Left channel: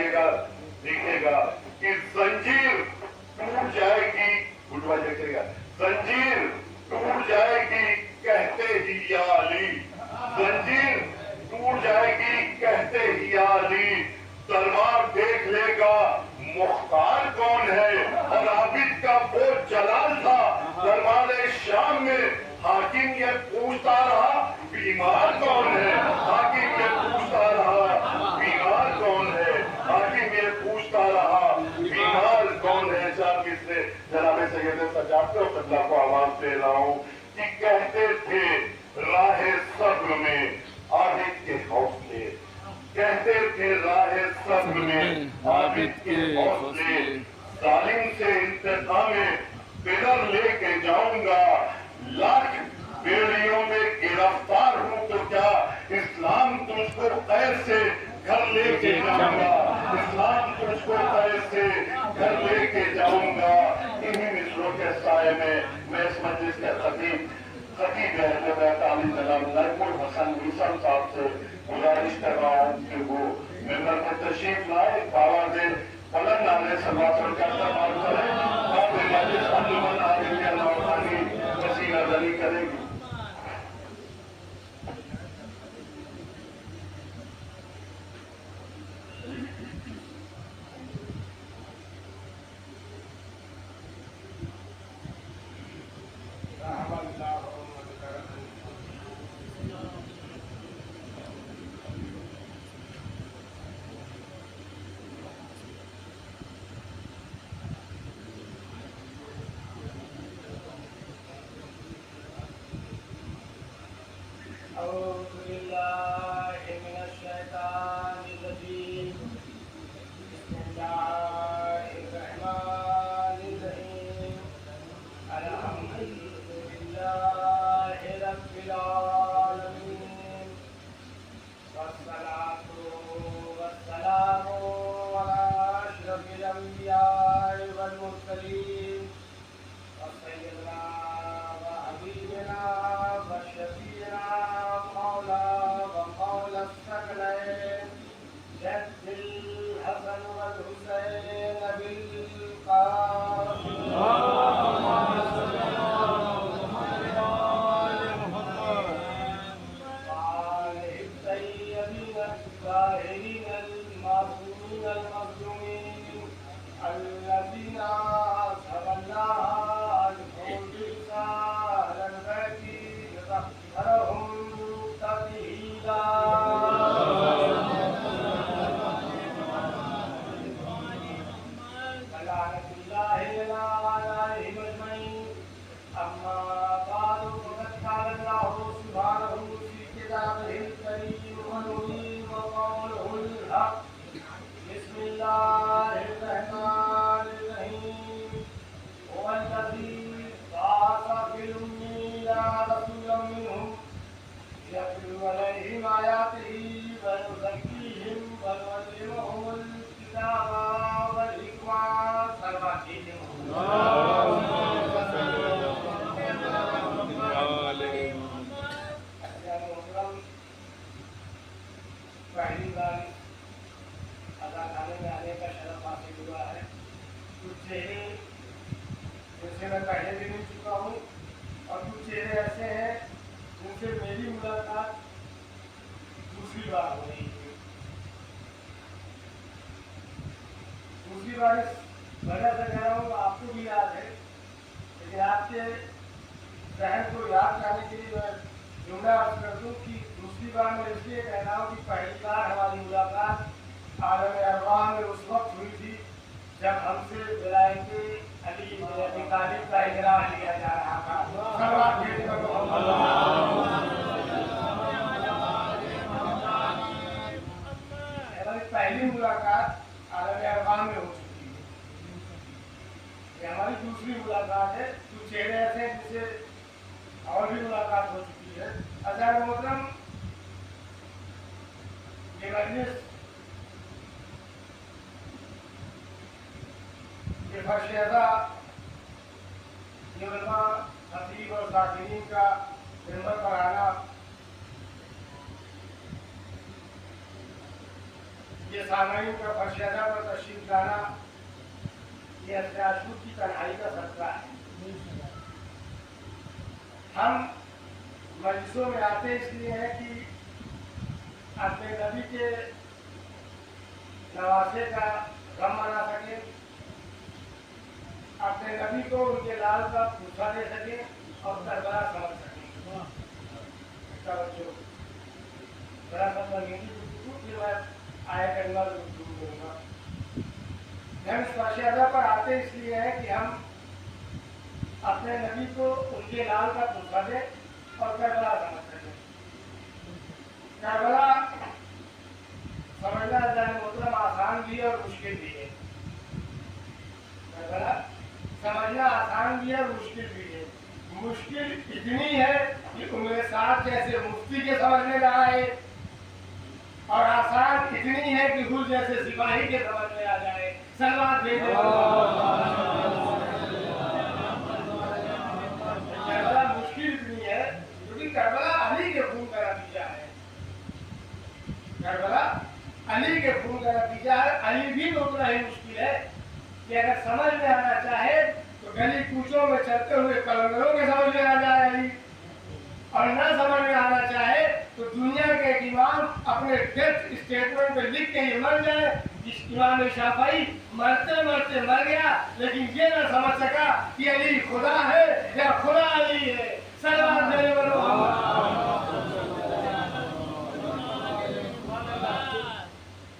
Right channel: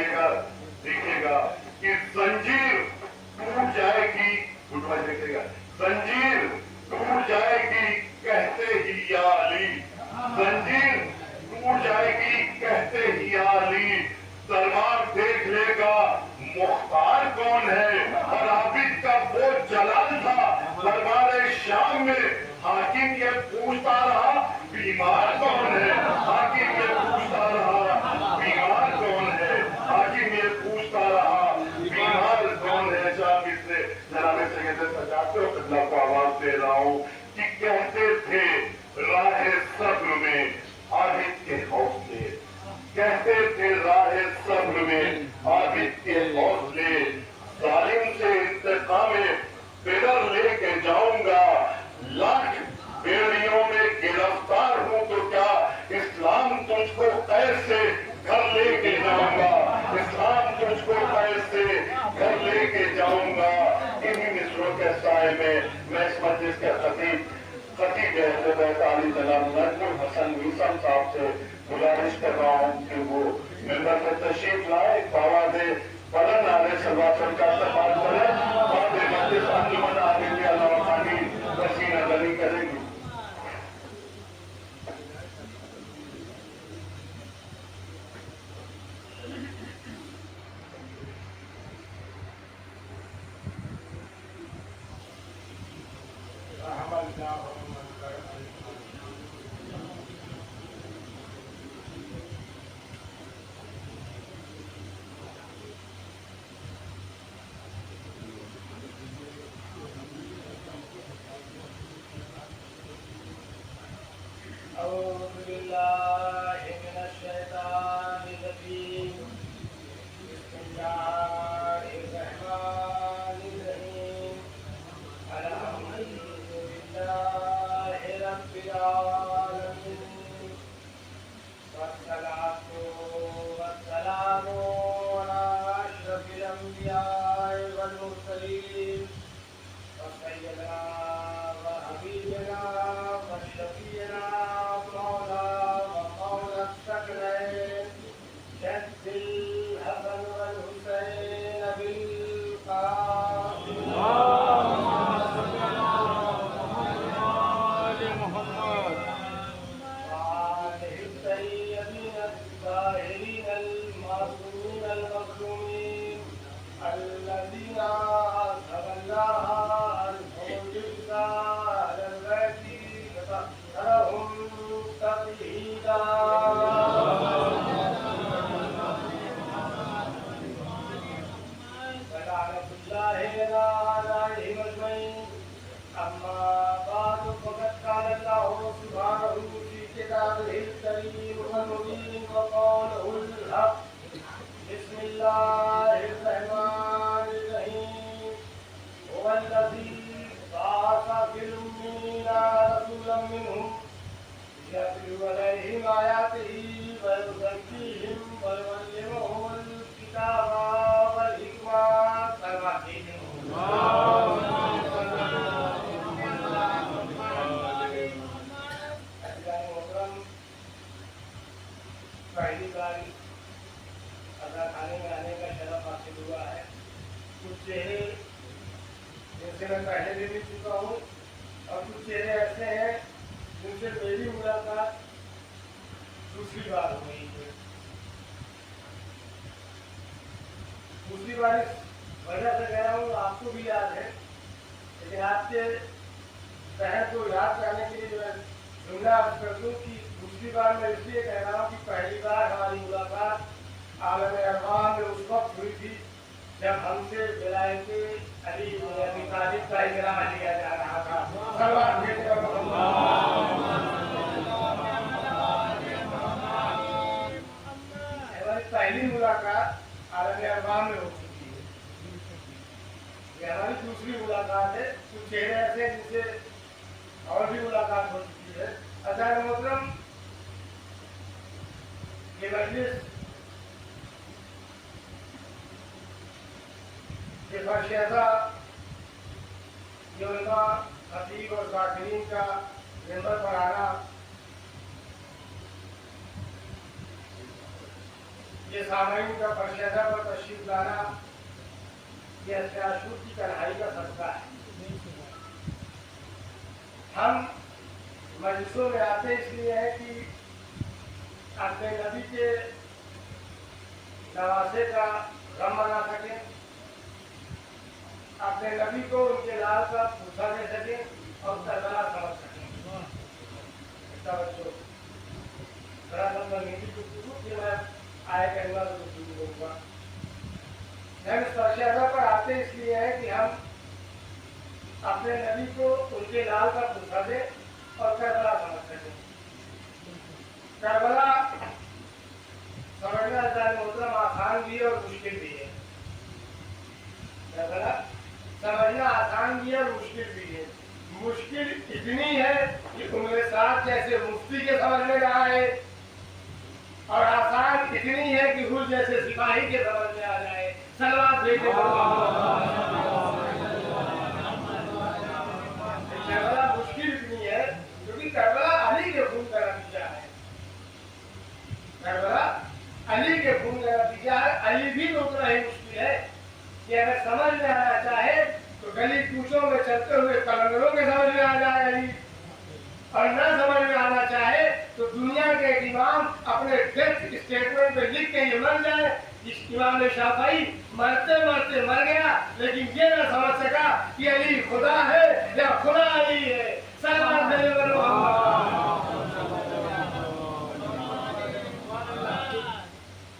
آئیے گا دیکھے گا کہ زنجیر ٹوٹ جائے گی، دیکھے گا زنجیر ٹوٹ جائے گی کہتے ہی یا علی، زنجیر ٹوٹ جائے گی کہتے ہی یا علی، دربار دیکھ لے گا مختار کون ہے، اور عابد کا وہ جلال تھا دربار شام میں، حاکم یہ پوچھتا رہا بیمار کون ہے، حاکم یہ پوچھتا رہا بیمار کون ہے، حاکم یہ پوچھتا رہا بیمار کون ہے۔ جب اس سے جناب سید سجاد قبلہ کو آواز دے رہا ہوں کہ کہتے تھے راہ صبر میں عابد کے حوصلے، کہتے تھے راہ صبر میں عابد کے حوصلے، ظالم سے انتقام بدر لے کے جاؤں گا، لاکھ بیڑیوں میں گرفتار ہوں تو کیا اسلام تجھ کو قید سے گھر لے کے جاؤں گا، اسلام تجھ کو قید سے گھر لے کے جاؤں گا۔ انہی مصروں کے سائے میں اس مجلس کے خطیب اہل بیت علی جناب نجم الحسن میثم صاحب سے گزارش کر رہا ہوں کہ وہ ممبر میں تشریف لائے، باواز بلند نعرے صلوات کا استقبال کریں، بعد مجلس انجمن عالم علامہ کی وسیع نظری کرے گی۔ أعوذ بالله من الشيطان الرجيم بسم الله الرحمن الرحيم الحمد لله رب العالمين والصلاة والسلام على أشرف الأنبياء والمرسلين وسيدنا وحبيبنا وشفيعنا ومولى الثقلين جد الحسن والحسين بالقاسم وآله الطيبين الطاهرين المعصومين المظلومين الذين أذهب الله عنهم الرجس أهل البيت لطهرهم تطهيرا فلعنة الله عليهم أجمعين أما بعد فقد قال الله سبحانه في كتابه الكريم والمبين وقوله الحق بسم الله الرحمن الرحيم هو الذي بعث في الأميين رسولا منهم يتلو عليهم آياته ويزكيهم ويعلمهم الكتاب والحكمة پہلی بار ادا خانے میں آنے کا شرف حاصل ہوا ہے۔ کچھ چہرے جن سے میں پہلے بھی مل چکا ہوں اور کچھ چہرے ایسے ہیں جن سے میری ملاقات دوسری بار ہو رہی ہے۔ دوسری بار اس وجہ سے کہہ رہا ہوں، آپ کو بھی یاد ہے، لیکن آپ کے ذہن کو یاد کرنے کے لیے میں جملہ عرض کر دوں کہ دوسری بار میں اس لیے کہہ رہا ہوں کہ پہلی بار ہماری ملاقات عالم ارواح میں اس وقت ہوئی تھی جب ہم سے ولایت علی بن ابی طالب کا اجرا لیا جا رہا تھا۔ ہماری پہلی ملاقات عالم ارواح میں ہو چکی ہے، یہ ہماری دوسری ملاقات ہے۔ کچھ چہرے ایسے ہیں جن سے اور بھی ملاقات ہو چکی ہے۔ عزیز محترم، یہ مجلس یہ برشیزہ علماء خطیب اور ذاکرین کا ممبر پر آنا، یہ ये सामयिक का परिषदा पर तशरीफ लाना ये अत्याशुर की कन्हाई का सदका है। हम मजलिसों में आते इसलिए हैं कि अपने नबी के नवासे का गम मना सके, अपने नबी को उनके लाल का पूछा दे सके और करबला समझ सके। फिर मैं आया करूँगा तो शुरू करूँगा। हम इस परिषदा पर आते इसलिए है कि हम अपने नबी को उनके लाल का पूछा दे और करबला समझ सके। करबला समझना जाने मोहतरम आसान भी है और मुश्किल भी है। करबला समझना आसान भी है और मुश्किल भी है। मुश्किल इतनी है कि उम्र साथ जैसे मुफ्ती के समझ में ना आए, और आसान इतनी है कि हुल जैसे सिपाही के समझ में आ जाए। सलवात भेजे करबला मुश्किल इतनी है क्योंकि करबला अली के खून का नतीजा है। करबला अली के खून का नतीजा है। अली भी तो उतना ही मुश्किल है कि अगर समझ में आना चाहे तो गली कूचों में चलते हुए कलंदरों के समझ में आ जाए अली, और न समझ में आना चाहे तो दुनिया के एक इमाम अपने डेथ स्टेटमेंट में लिख के ये मर जाए। इस इमाम शाफई मरते मरते मर गया लेकिन ये न समझ सका कि अली खुदा है या खुदा अली है। सलवात भेजे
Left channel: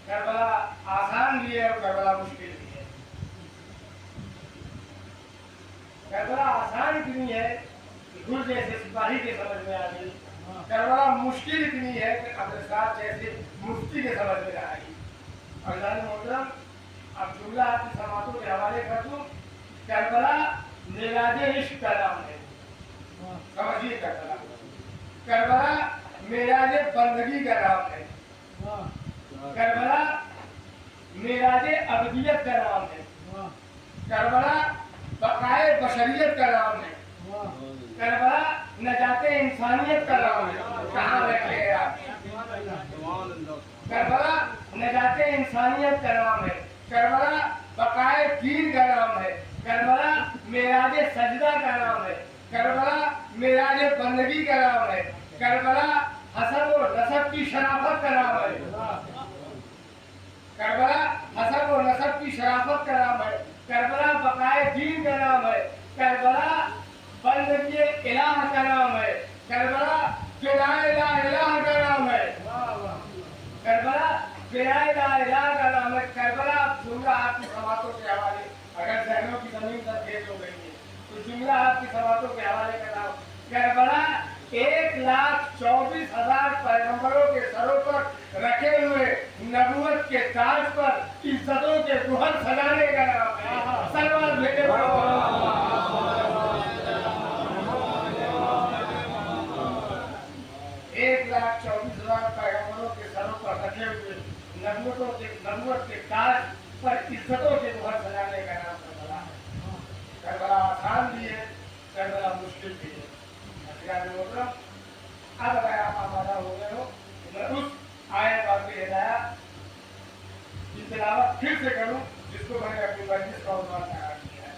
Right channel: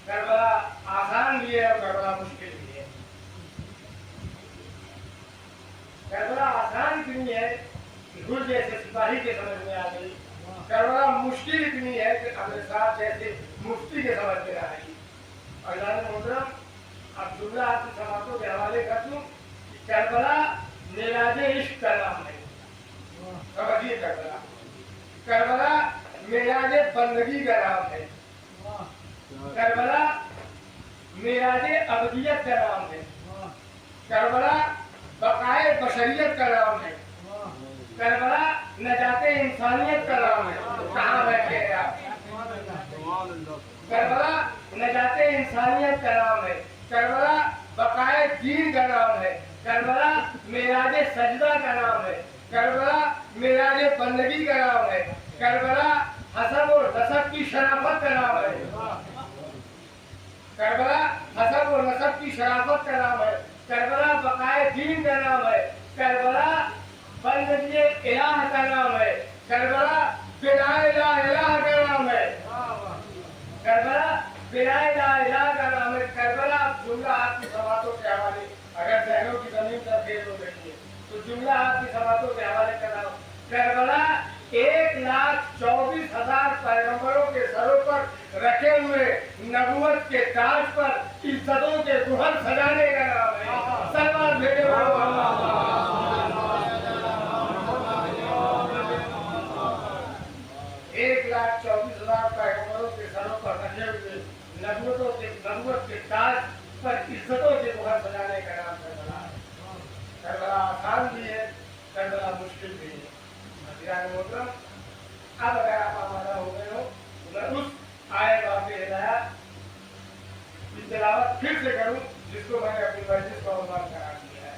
करबला आसान भी है और करबला मुश्किल भी है। करबला आसान इतनी है कि गुर जैसे सिपाही के समझ में आ गई। करबला मुश्किल इतनी है कि अपने साथ जैसे मुफ्ती के समझ में आ गई। अल्लाह ने मोहतरम अब जुमला आपकी समातों के हवाले कर दूं। करबला मेराजे इश्क का नाम है। समझिए करबला, करबला मेराजे बंदगी का नाम है। करबला मेराजे अबदियत का नाम है। करबला बकाए बशरियत का नाम है। करबला नजाते इंसानियत का नाम है। कहाँ बैठे हैं आप? करबला नजाते इंसानियत का नाम है। करबला बकाए दीन का नाम है। करबला मेराजे सजदा का नाम है। करबला मेराजे बंदगी का नाम है। करबला हसब और नसब की शराफत का नाम है। करबला हसब और नसब की शराफत का नाम है। करबला बकाए दीन का नाम है। करबला बंदगी इलाह का नाम है। करबला बिनाए ला इलाह का नाम है। करबला बिनाए ला इलाह का नाम है। करबला जुमला आपकी समातों के हवाले, अगर जहनों की जमीन पर खेत हो गई है तो जुमला आपकी समातों के हवाले कर रहा हूँ। करबला 1,24,000 पैगंबरों के सरों पर रखे हुए नबूवत के ताज पर इज्जतों के गुहर सजाने का नाम है। सलवात भेजे 1,24,000 पैगंबरों के सरों पर रखे हुए नबूवत के ताज पर इज्जतों के गुहर सजाने का नाम करबला है। करबला आसान भी है, करबला मुश्किल भी है। मोहतरम अब अगर आप आमादा हो गए हो तो मैं उस आयत आपके हिदाया की तिलावत फिर से करूं जिसको मैंने अपनी मस्जिद का उन्वान करार दिया है।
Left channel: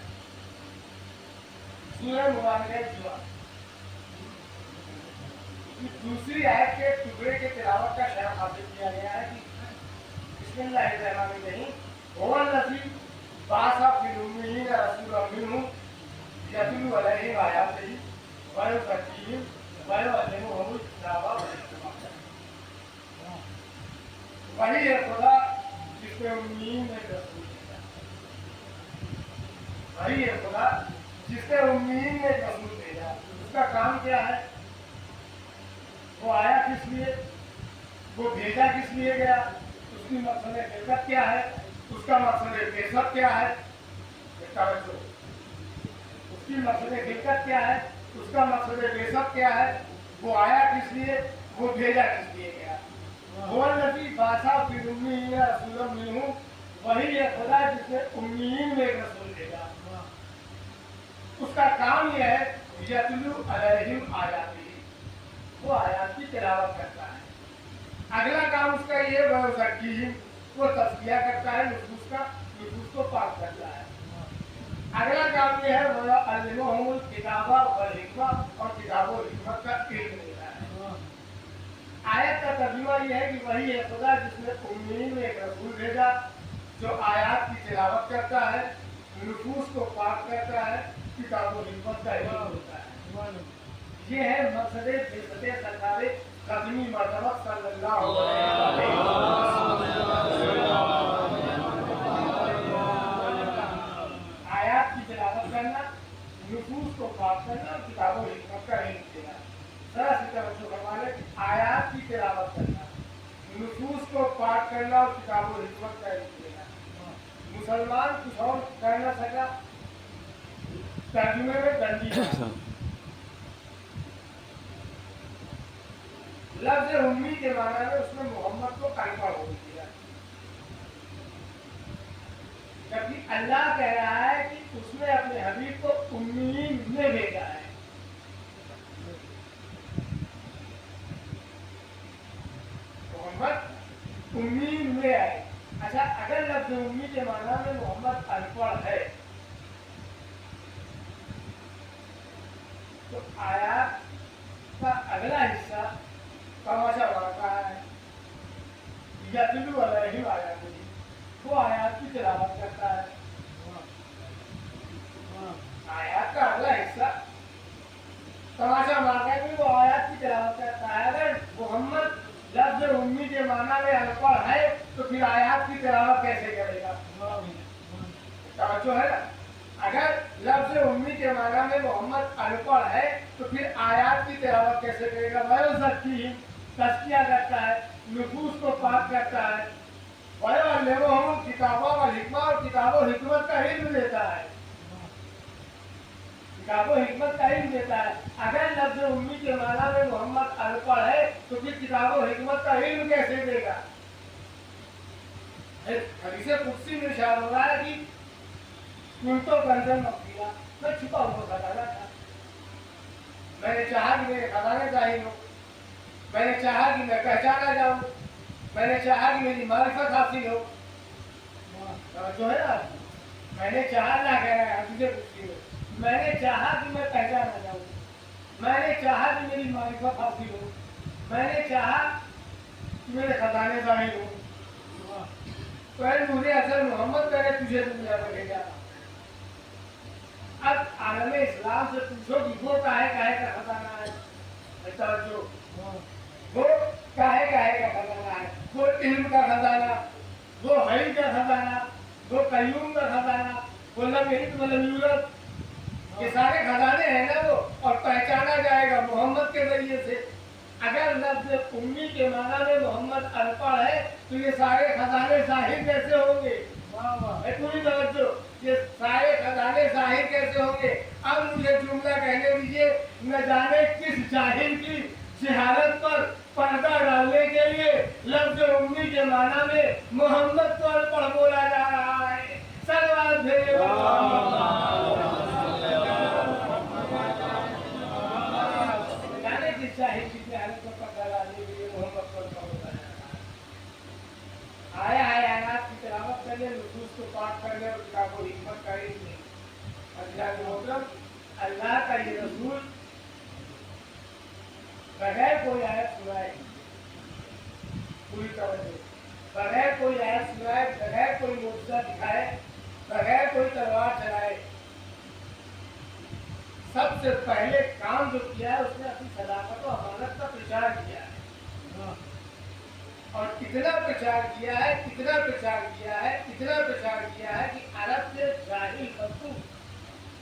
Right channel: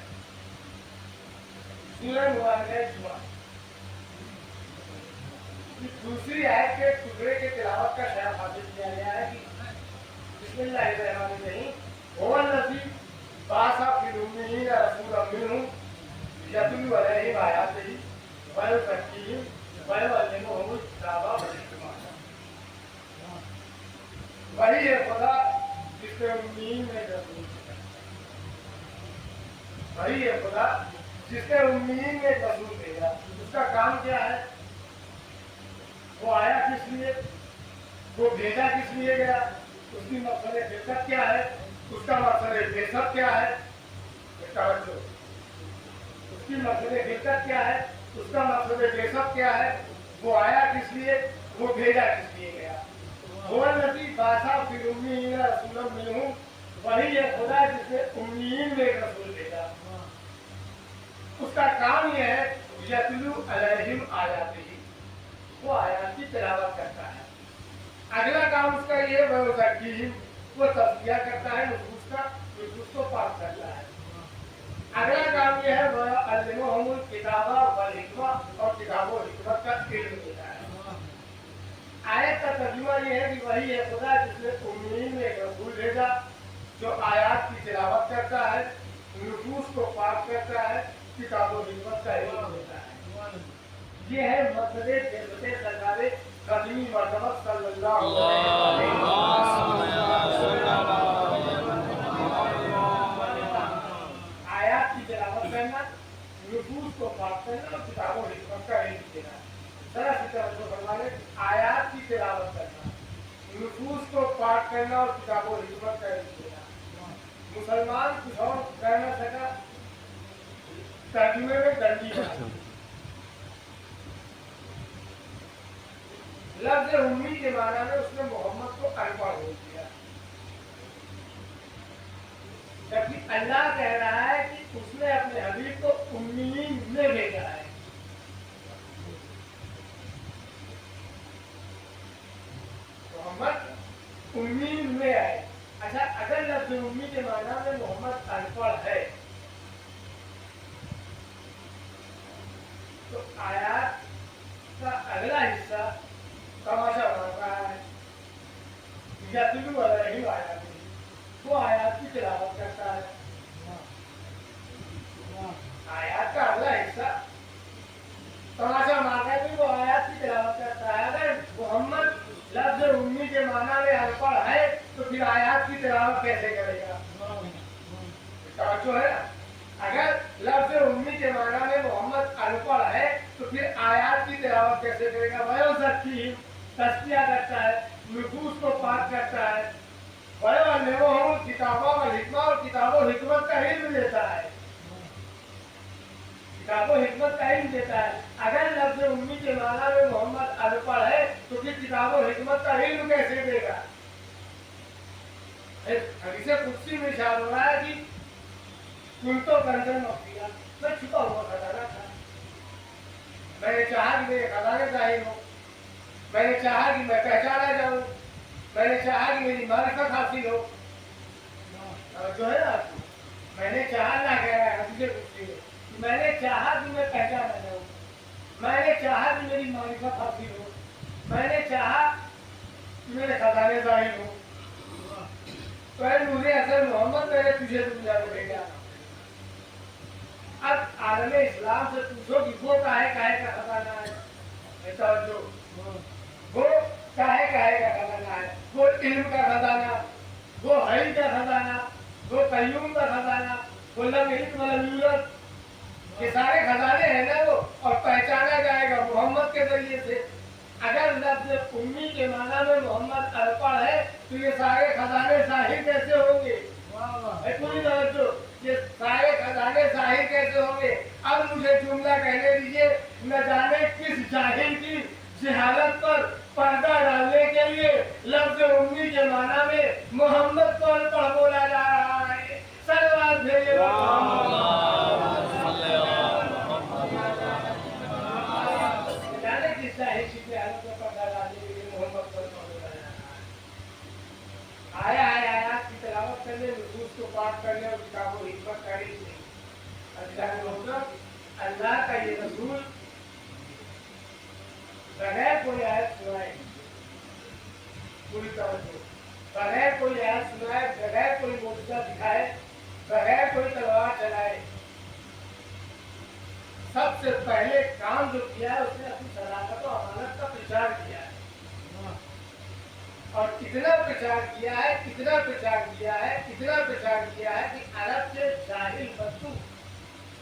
सूरह मुबारका जुमा दूसरी आयत के टुकड़े के तिलावत का शरफ हासिल किया गया है कि बिस्मिल्लाहिर्रहमानिर्रहीम वल्लज़ी बाअसा फिल उम्मिय्यीना रसूलन मिनहुम यतलू अलैहिम आयातिही व युज़क्कीहिम व युअल्लिमुहुमुल किताब वल हिकमा। वही है खुदा जिसने उम्मीन में रसूल भेजा। वही है खुदा जिसने उम्मीन में रसूल भेजा। उसका काम क्या है? वो आया किस लिए? वो भेजा किस लिए गया? उसकी मकसद बेसत क्या है? उसका मकसद बेसत क्या है? उसकी मकसद बेसत क्या है? उसका मकसद बेसत क्या है? वो आया किस लिए? वो भेजा किस लिए गया? वल्लज़ी बाअसा फिल उम्मिय्यीना रसूलन मिनहुम, वही है खुदा जिसने उम्मीन में एक रसूल भेजा। उसका काम यह है यतलू अलैहिम आयातिही, वो आयात की तिलावत करता है। अगला काम उसका ये वयुज़क्कीहिम, वो तस्बिया करता है, नुफूस को पाक करता है। अगला काम यह है वह अल्लिमहुमुल किताबा वल हिकमा, और किताब और हिकमत का इल्म देता है। आयत का तर्जुमा यह है कि वही है खुदा जिसने उम्मीन में एक रसूल भेजा जो आयत की तिलावत करता है, नुफूस को पाक करता है, किताब और हिकमत का इल्म देता है। ये है मकसद बिरबते सरकारे कदमी मरतबत सल्लल्लाहु अलैहि वसल्लम। आयत की तिलावत करना, नुफूस को पाक करना और किताब और हिकमत का इल्म देना। आयत की तिलावत करना, नुफूस को पाक करना और किताब और हिकमत का इल्म देना। मुसलमान कुछ और कर न सका, तर्जुमे में डंडी लफ्ज उम्मी के माना में उसने मोहम्मद को अनपढ़ बोल दिया, जबकि अल्लाह कह रहा है कि उसने अपने हबीब को उम्मीन में भेजा है। मोहम्मद उम्मीन में आए। अच्छा, अगर लफ्ज उम्मी के माना में मोहम्मद अनपढ़ है तो आयत का अगला हिस्सा तमाशा मारता है, यतलू अलैहिम आयातिही, वो आयत की तिलावत करता है। आयत का अगला हिस्सा तमाशा मारता है कि वो आयत की तिलावत करता है। अगर मोहम्मद लफ्ज उम्मी के माना में अनपढ़ है तो फिर आयत की तिलावत कैसे करेगा? जो है ना, अगर लफ्ज उम्मी के माना में मोहम्मद अनपढ़ है तो फिर आयत की तिलावत कैसे करेगा? वह सकती तस्किया करता है, नुफूस को पाक करता है, वह किताबों और हिकमा, और किताब और हिकमत का इल्म देता है। किताब और हिकमत का इल्म देता है। अगर लफ्ज उम्मी के माना में मोहम्मद अनपढ़ है तो फिर किताब और हिकमत का इल्म कैसे देगा? हदीस कुदसी में इरशाद हो रहा है कि तुम तो कंजन मखिया, मैं छुपा हुआ खजाना था, मैंने चाहा कि मेरे खजाने जाहिर हो, मैंने चाहा कि मैं पहचाना जाऊं, मैंने चाहा कि मेरी मारिफत हासिल हो। जो है ना, मैंने चाहा ना कह रहा है हदीस कुदसी में, मैंने चाहा कि मैं पहचाना जाऊं, मैंने चाहा कि मेरी मारिफत हासिल हो, मैंने चाहा कि मेरे खजाने जाहिर हो। तो मुझे असल मोहम्मद, मैंने तुझे दुनिया को भेजा। अब आलम इस्लाम से पूछो कि वो काहे का खजाना है, जो वो काहे का खजाना है, वो इल्म का खजाना, वो हई का खजाना, वो कय्यूम का खजाना, वो लम यलिद वलम यूलद, ये सारे खजाने हैं ना वो, और पहचाना जाएगा मोहम्मद के जरिए से। अगर लफ्ज उम्मी के माना में मोहम्मद अनपढ़ है तो ये सारे खजाने जाहिर कैसे होंगे? पूरी तवज्जो, ये सारे खजाने जाहिर कैसे होंगे? अब मुझे जुमला कहने दीजिए, न जाने किस जाहिल की जहालत पर पर्दा डालने के लिए लफ्ज उम्मी के माना में मोहम्मद को अनपढ़ बोला जा रहा है। सलवात भेजिए जाहिर की जहालत पर पर्दा डालने के लिए मोहम्मद को अनपढ़ बोला जा रहा है। आया है आयत की तिलावत करने, नुसूस को पाठ करने और किताब को हिकमत का इल्म। अल्लाह का ये रसूल बगैर कोई आयत सुनाए, पूरी तवज्जो, बगैर कोई आयत सुनाए, बगैर कोई मोजज़ा दिखाए, बगैर कोई तलवार चलाए, सबसे पहले काम जो किया है उसने अपनी सदाकत और अमानत का प्रचार किया है। और इतना प्रचार किया है, इतना प्रचार किया है, इतना प्रचार किया है कि अरब के जाहिल बद्दू,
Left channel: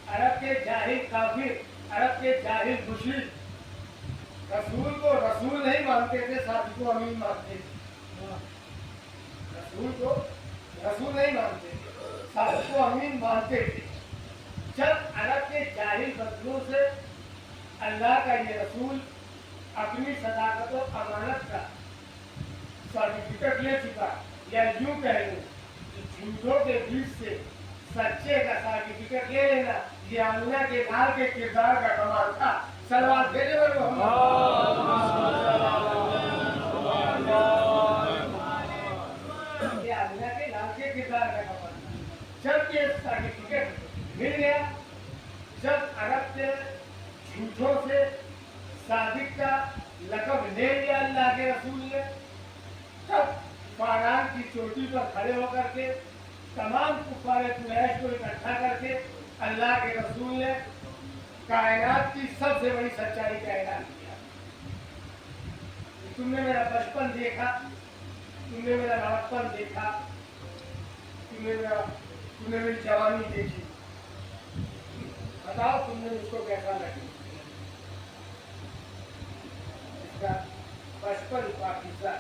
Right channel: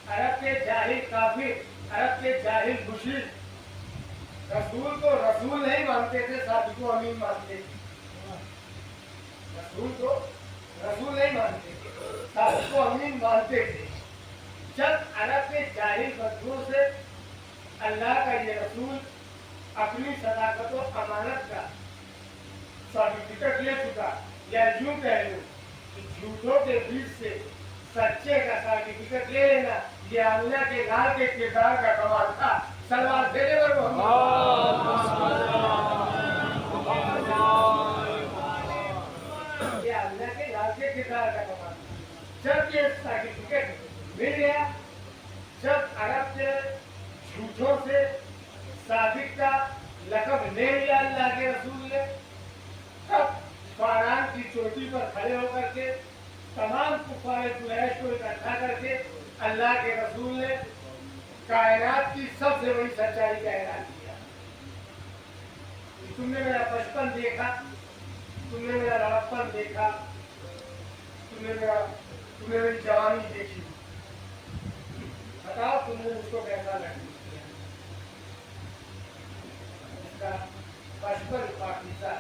अरब के जाहिल काफिर, अरब के जाहिल मुशरिक रसूल को रसूल नहीं मानते थे, साथी को अमीन मानते थे। रसूल को रसूल नहीं मानते थे, साथी को अमीन मानते थे। जब अरब के जाहिल बद्दू से अल्लाह का ये रसूल अपनी सदाकत और अमानत का सर्टिफिकेट ले चुका, या यूं कह लो कि झूठों के बीच से सच्चे का सर्टिफिकेट ले लेना, ये आमिना के लाल के किरदार का कमाल था। सलवात भेजे ये अल्लाह के लाल के किरदार का कपड़ा था। जब ये सर्टिफिकेट मिल गया, जब अरब के झूठों से सादिक का लक़ब ले लिया अल्लाह के रसूल ने, तब फारान की चोटी पर खड़े होकर के तमाम कुफारे कुरैश को इकट्ठा करके अल्लाह के रसूल ने कायनात की सबसे बड़ी सच्चाई का ऐलान किया। तुमने मेरा बचपन देखा, तुमने मेरा लड़कपन देखा, तुमने मेरी जवानी देखी, बताओ तुमने मुझको कैसा लगा? इसका बचपन पाकिज़ा,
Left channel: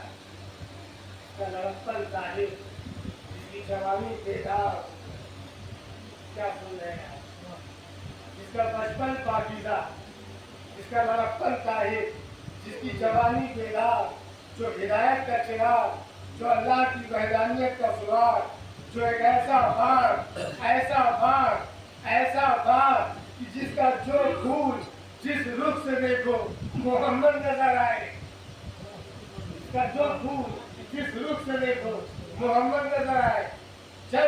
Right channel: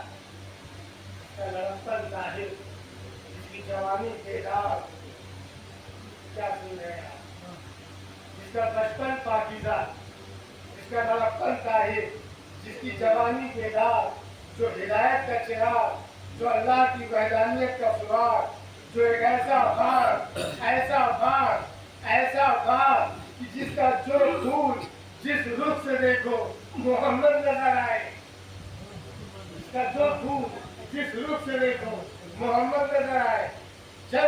इसका लड़कपन ज़ाहिर, इसकी जवानी बेदार, क्या सुन रहे हैं? इसका बचपन पाकिज़ा, इसका लड़कपन ज़ाहिर, जिसकी जवानी बेदार, जो हिदायत का चिराग, जो अल्लाह की वहदानियत का सुराग, जो एक ऐसा भार कि जिसका जो फूल जिस रुख से देखो मोहम्मद नजर आए, जिसका जो फूल जिस रुख से देखो मोहम्मद नजर आए। जब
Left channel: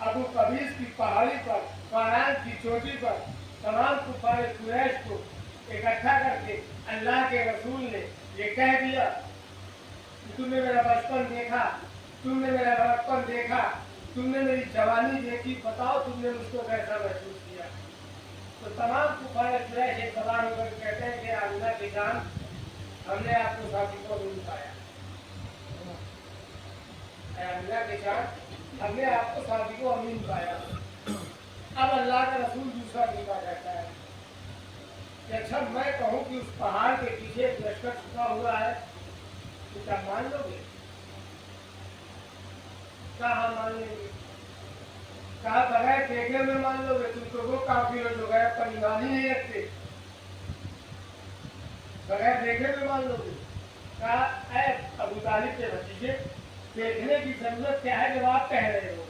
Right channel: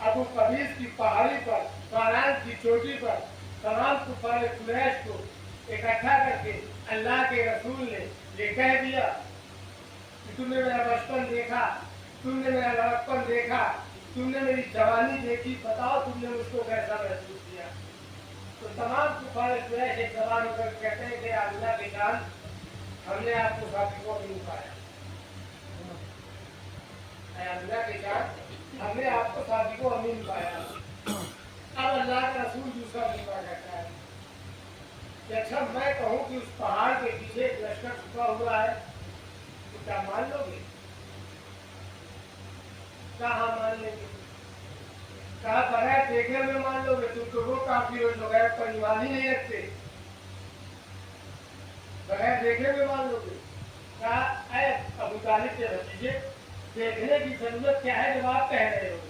अबू कबीस की पहाड़ी पर, फारान की चोटी पर तमाम कुफारे कुरैश को इकट्ठा करके अल्लाह के रसूल ने ये कह दिया कि तुमने मेरा बचपन देखा, तुमने मेरा लड़कपन देखा, तुमने मेरी जवानी देखी, बताओ तुमने मुझको कैसा महसूस किया? तो तमाम कुफारे कुरैश एक जबान होकर कहते हैं कि अल्लाह की जान, हमने आपको साथी को नहीं पाया। अल्लाह की जान, हमने आपको साथी को अमीन पाया। अब अल्लाह का रसूल दूसरा लिखा जाता है कि अच्छा मैं कहूँ कि उस पहाड़ के पीछे एक लश्कर छुपा हुआ है, तो क्या मान लोगे? कहा मान लेंगे? कहा बगैर देखे हुए मान लोगे? तुम तो वो काफी हो जो गैर पर ईमान ही नहीं रखते, बगैर देखे हुए मान लोगे? कहा ऐ अबू तालिब के भतीजे, देखने की जरूरत क्या है जब आप कह रहे हो?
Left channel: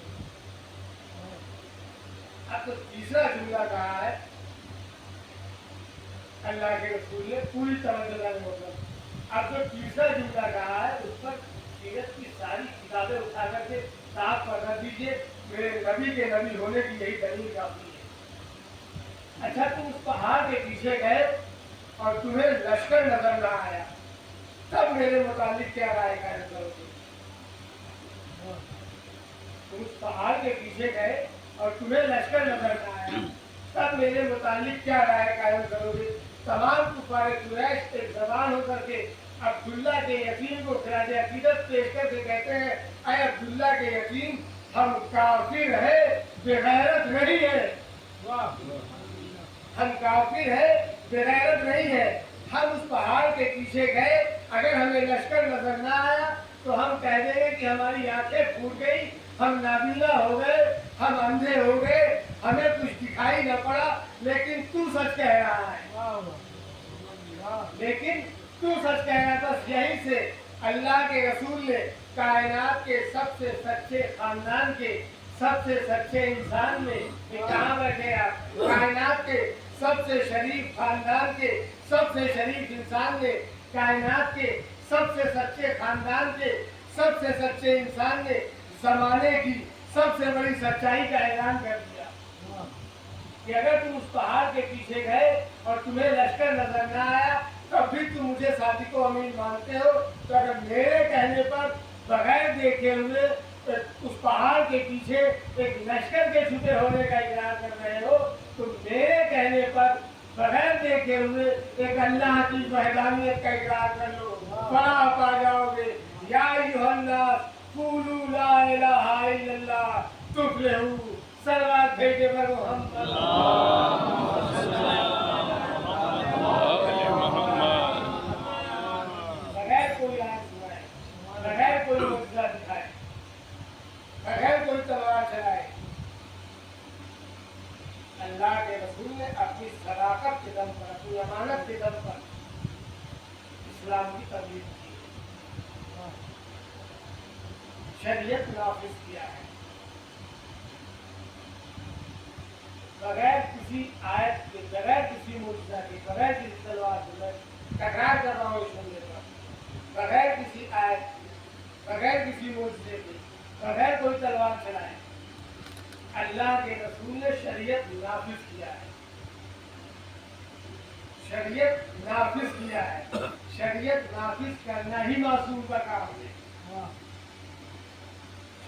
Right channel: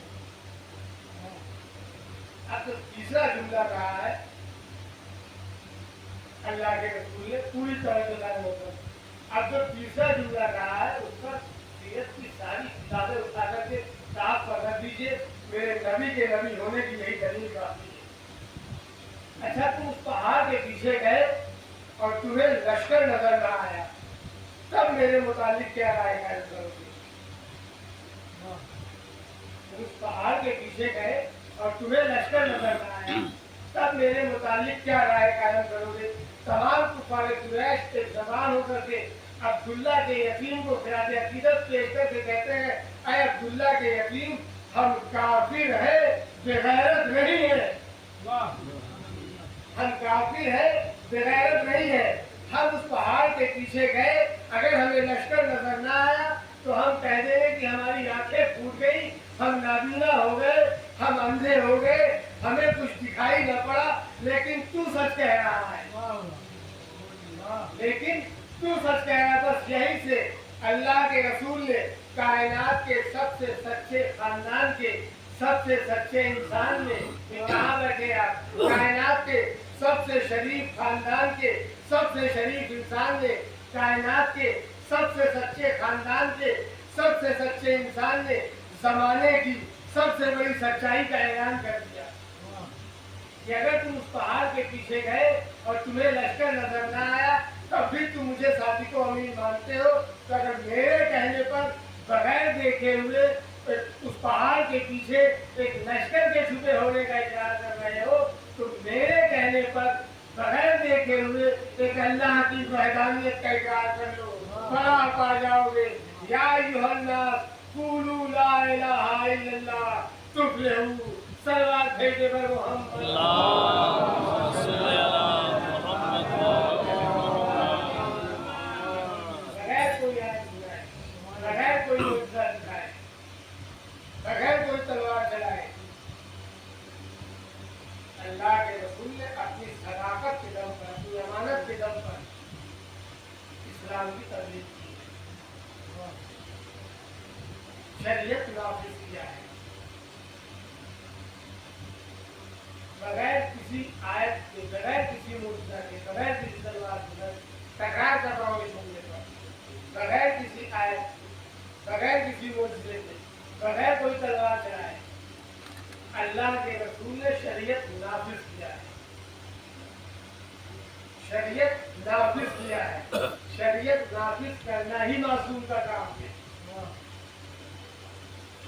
अब तो तीसरा जुमला कहा है अल्लाह के रसूल ने पूरी तरह से। अब जो तीसरा जुमला कहा है उस पर सीरत की सारी किताबें उठा करके साफ पर रख दीजिए, मेरे नबी के नबी होने की यही दलील काफी है। अच्छा तुम उस पहाड़ के पीछे गए और तुम्हें लश्कर नजर न आया, तब मेरे मुतालिक क्या राय कायम करोगे? तुम उस पहाड़ के पीछे गए और तुम्हें लश्कर नजर न आया, तब मेरे मुतालिक क्या राय कायम करोगे? तमाम कुफारे कुरैश एक जबान होकर के अब्दुल्ला के यतीम को खिराज अकीदत पेश करके कहते हैं, अय अब्दुल्ला के यतीम, हम काफिर है, बेगैरत नहीं है। हम काफिर है, बेगैरत नहीं है। हम उस पहाड़ के पीछे गए, अगर हमें लश्कर नजर ना आया तो हम कह देंगे कि हमारी आंखें फूट गई, हम नाबीना हो गए, हम अंधे हो गए, हमें कुछ दिखाई न पड़ा। लेकिन तू सच कह रहा है, लेकिन तू सच कह रहा है। बस यही से अल्लाह के रसूल ने कायनात के सबसे सच्चे खानदान के सबसे सच्चे इंसान ने, कहाँ बैठे आप, कायनात के सबसे शरीफ खानदान के सबसे शरीफ इंसान ने, कायनात के सबसे सच्चे खानदान के सबसे सच्चे इंसान ने जमाने की सबसे बड़ी सच्चाई का ऐलान कर दिया कि अगर तुम उस पहाड़ के पीछे गए और तुम्हें लश्कर नजर ना आया, तब भी तुम मुझे साथी को अमीन मानते हो। तो अगर मेरे कहने पर बगैर देखे हुए उस पहाड़ के पीछे एक लश्कर के छुपे होने का इकरार कर रहे हो, तो मेरे कहने पर बगैर देखे हुए एक अल्लाह की वहदानियत का इकरार कर लो, फलाह पा जाओगे। या अय्युहन्नास क़ूलू ला इलाहा इल्लल्लाह तुफ़्लिहू। सल्लल्लाहु अलैहि वसल्लम। बगैर कोई आयत सुनाए, बगैर कोई मुआजिज़ा दिखाए, बगैर कोई तलवार चलाए, अल्लाह के रसूल ने अपनी सदाकत के दम पर, अपनी अमानत के दम पर इस्लाम की तबलीग की, शरीयत नाफिज किया है, बगैर किसी आयत के, बगैर किसी मुआजिज़ा के, बगैर किसी तलवार के। तकरार कर रहा हूँ इस मुद्दे पर, बगैर किसी आयत के, बगैर किसी मोजज़े के, बगैर कोई तलवार चलाए अल्लाह के रसूल ने शरीयत नाफिज किया है। शरीयत नाफिज किया है। शरीयत नाफिज करना ही मासूम का काम है।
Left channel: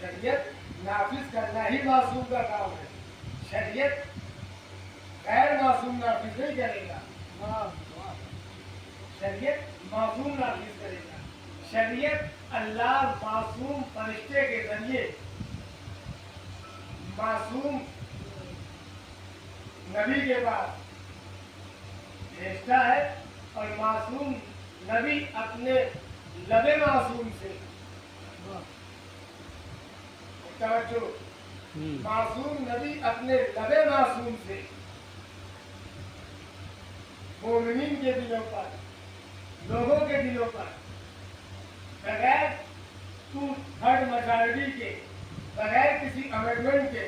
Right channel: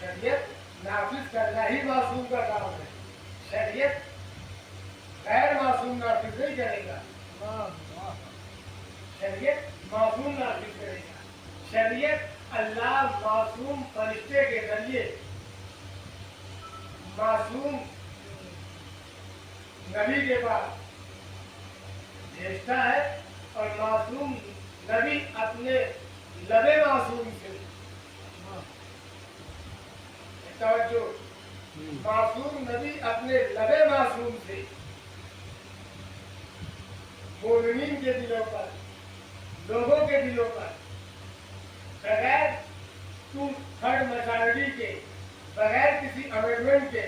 शरीयत नाफिज करना ही मासूम का काम है। शरीयत गैर मासूम नाफिज नहीं करेगा, शरीयत मासूम नाफिज करेगा। शरीयत अल्लाह मासूम फरिश्ते के जरिए मासूम नबी के पास भेजता है और मासूम नबी अपने लबे मासूम से तवज्जो, मासूम नबी अपने लबे मासूम से मोमिनीन के दिलों पर, लोगों के दिलों पर बगैर टू थर्ड मेजॉरिटी के, बगैर किसी अमेंडमेंट के,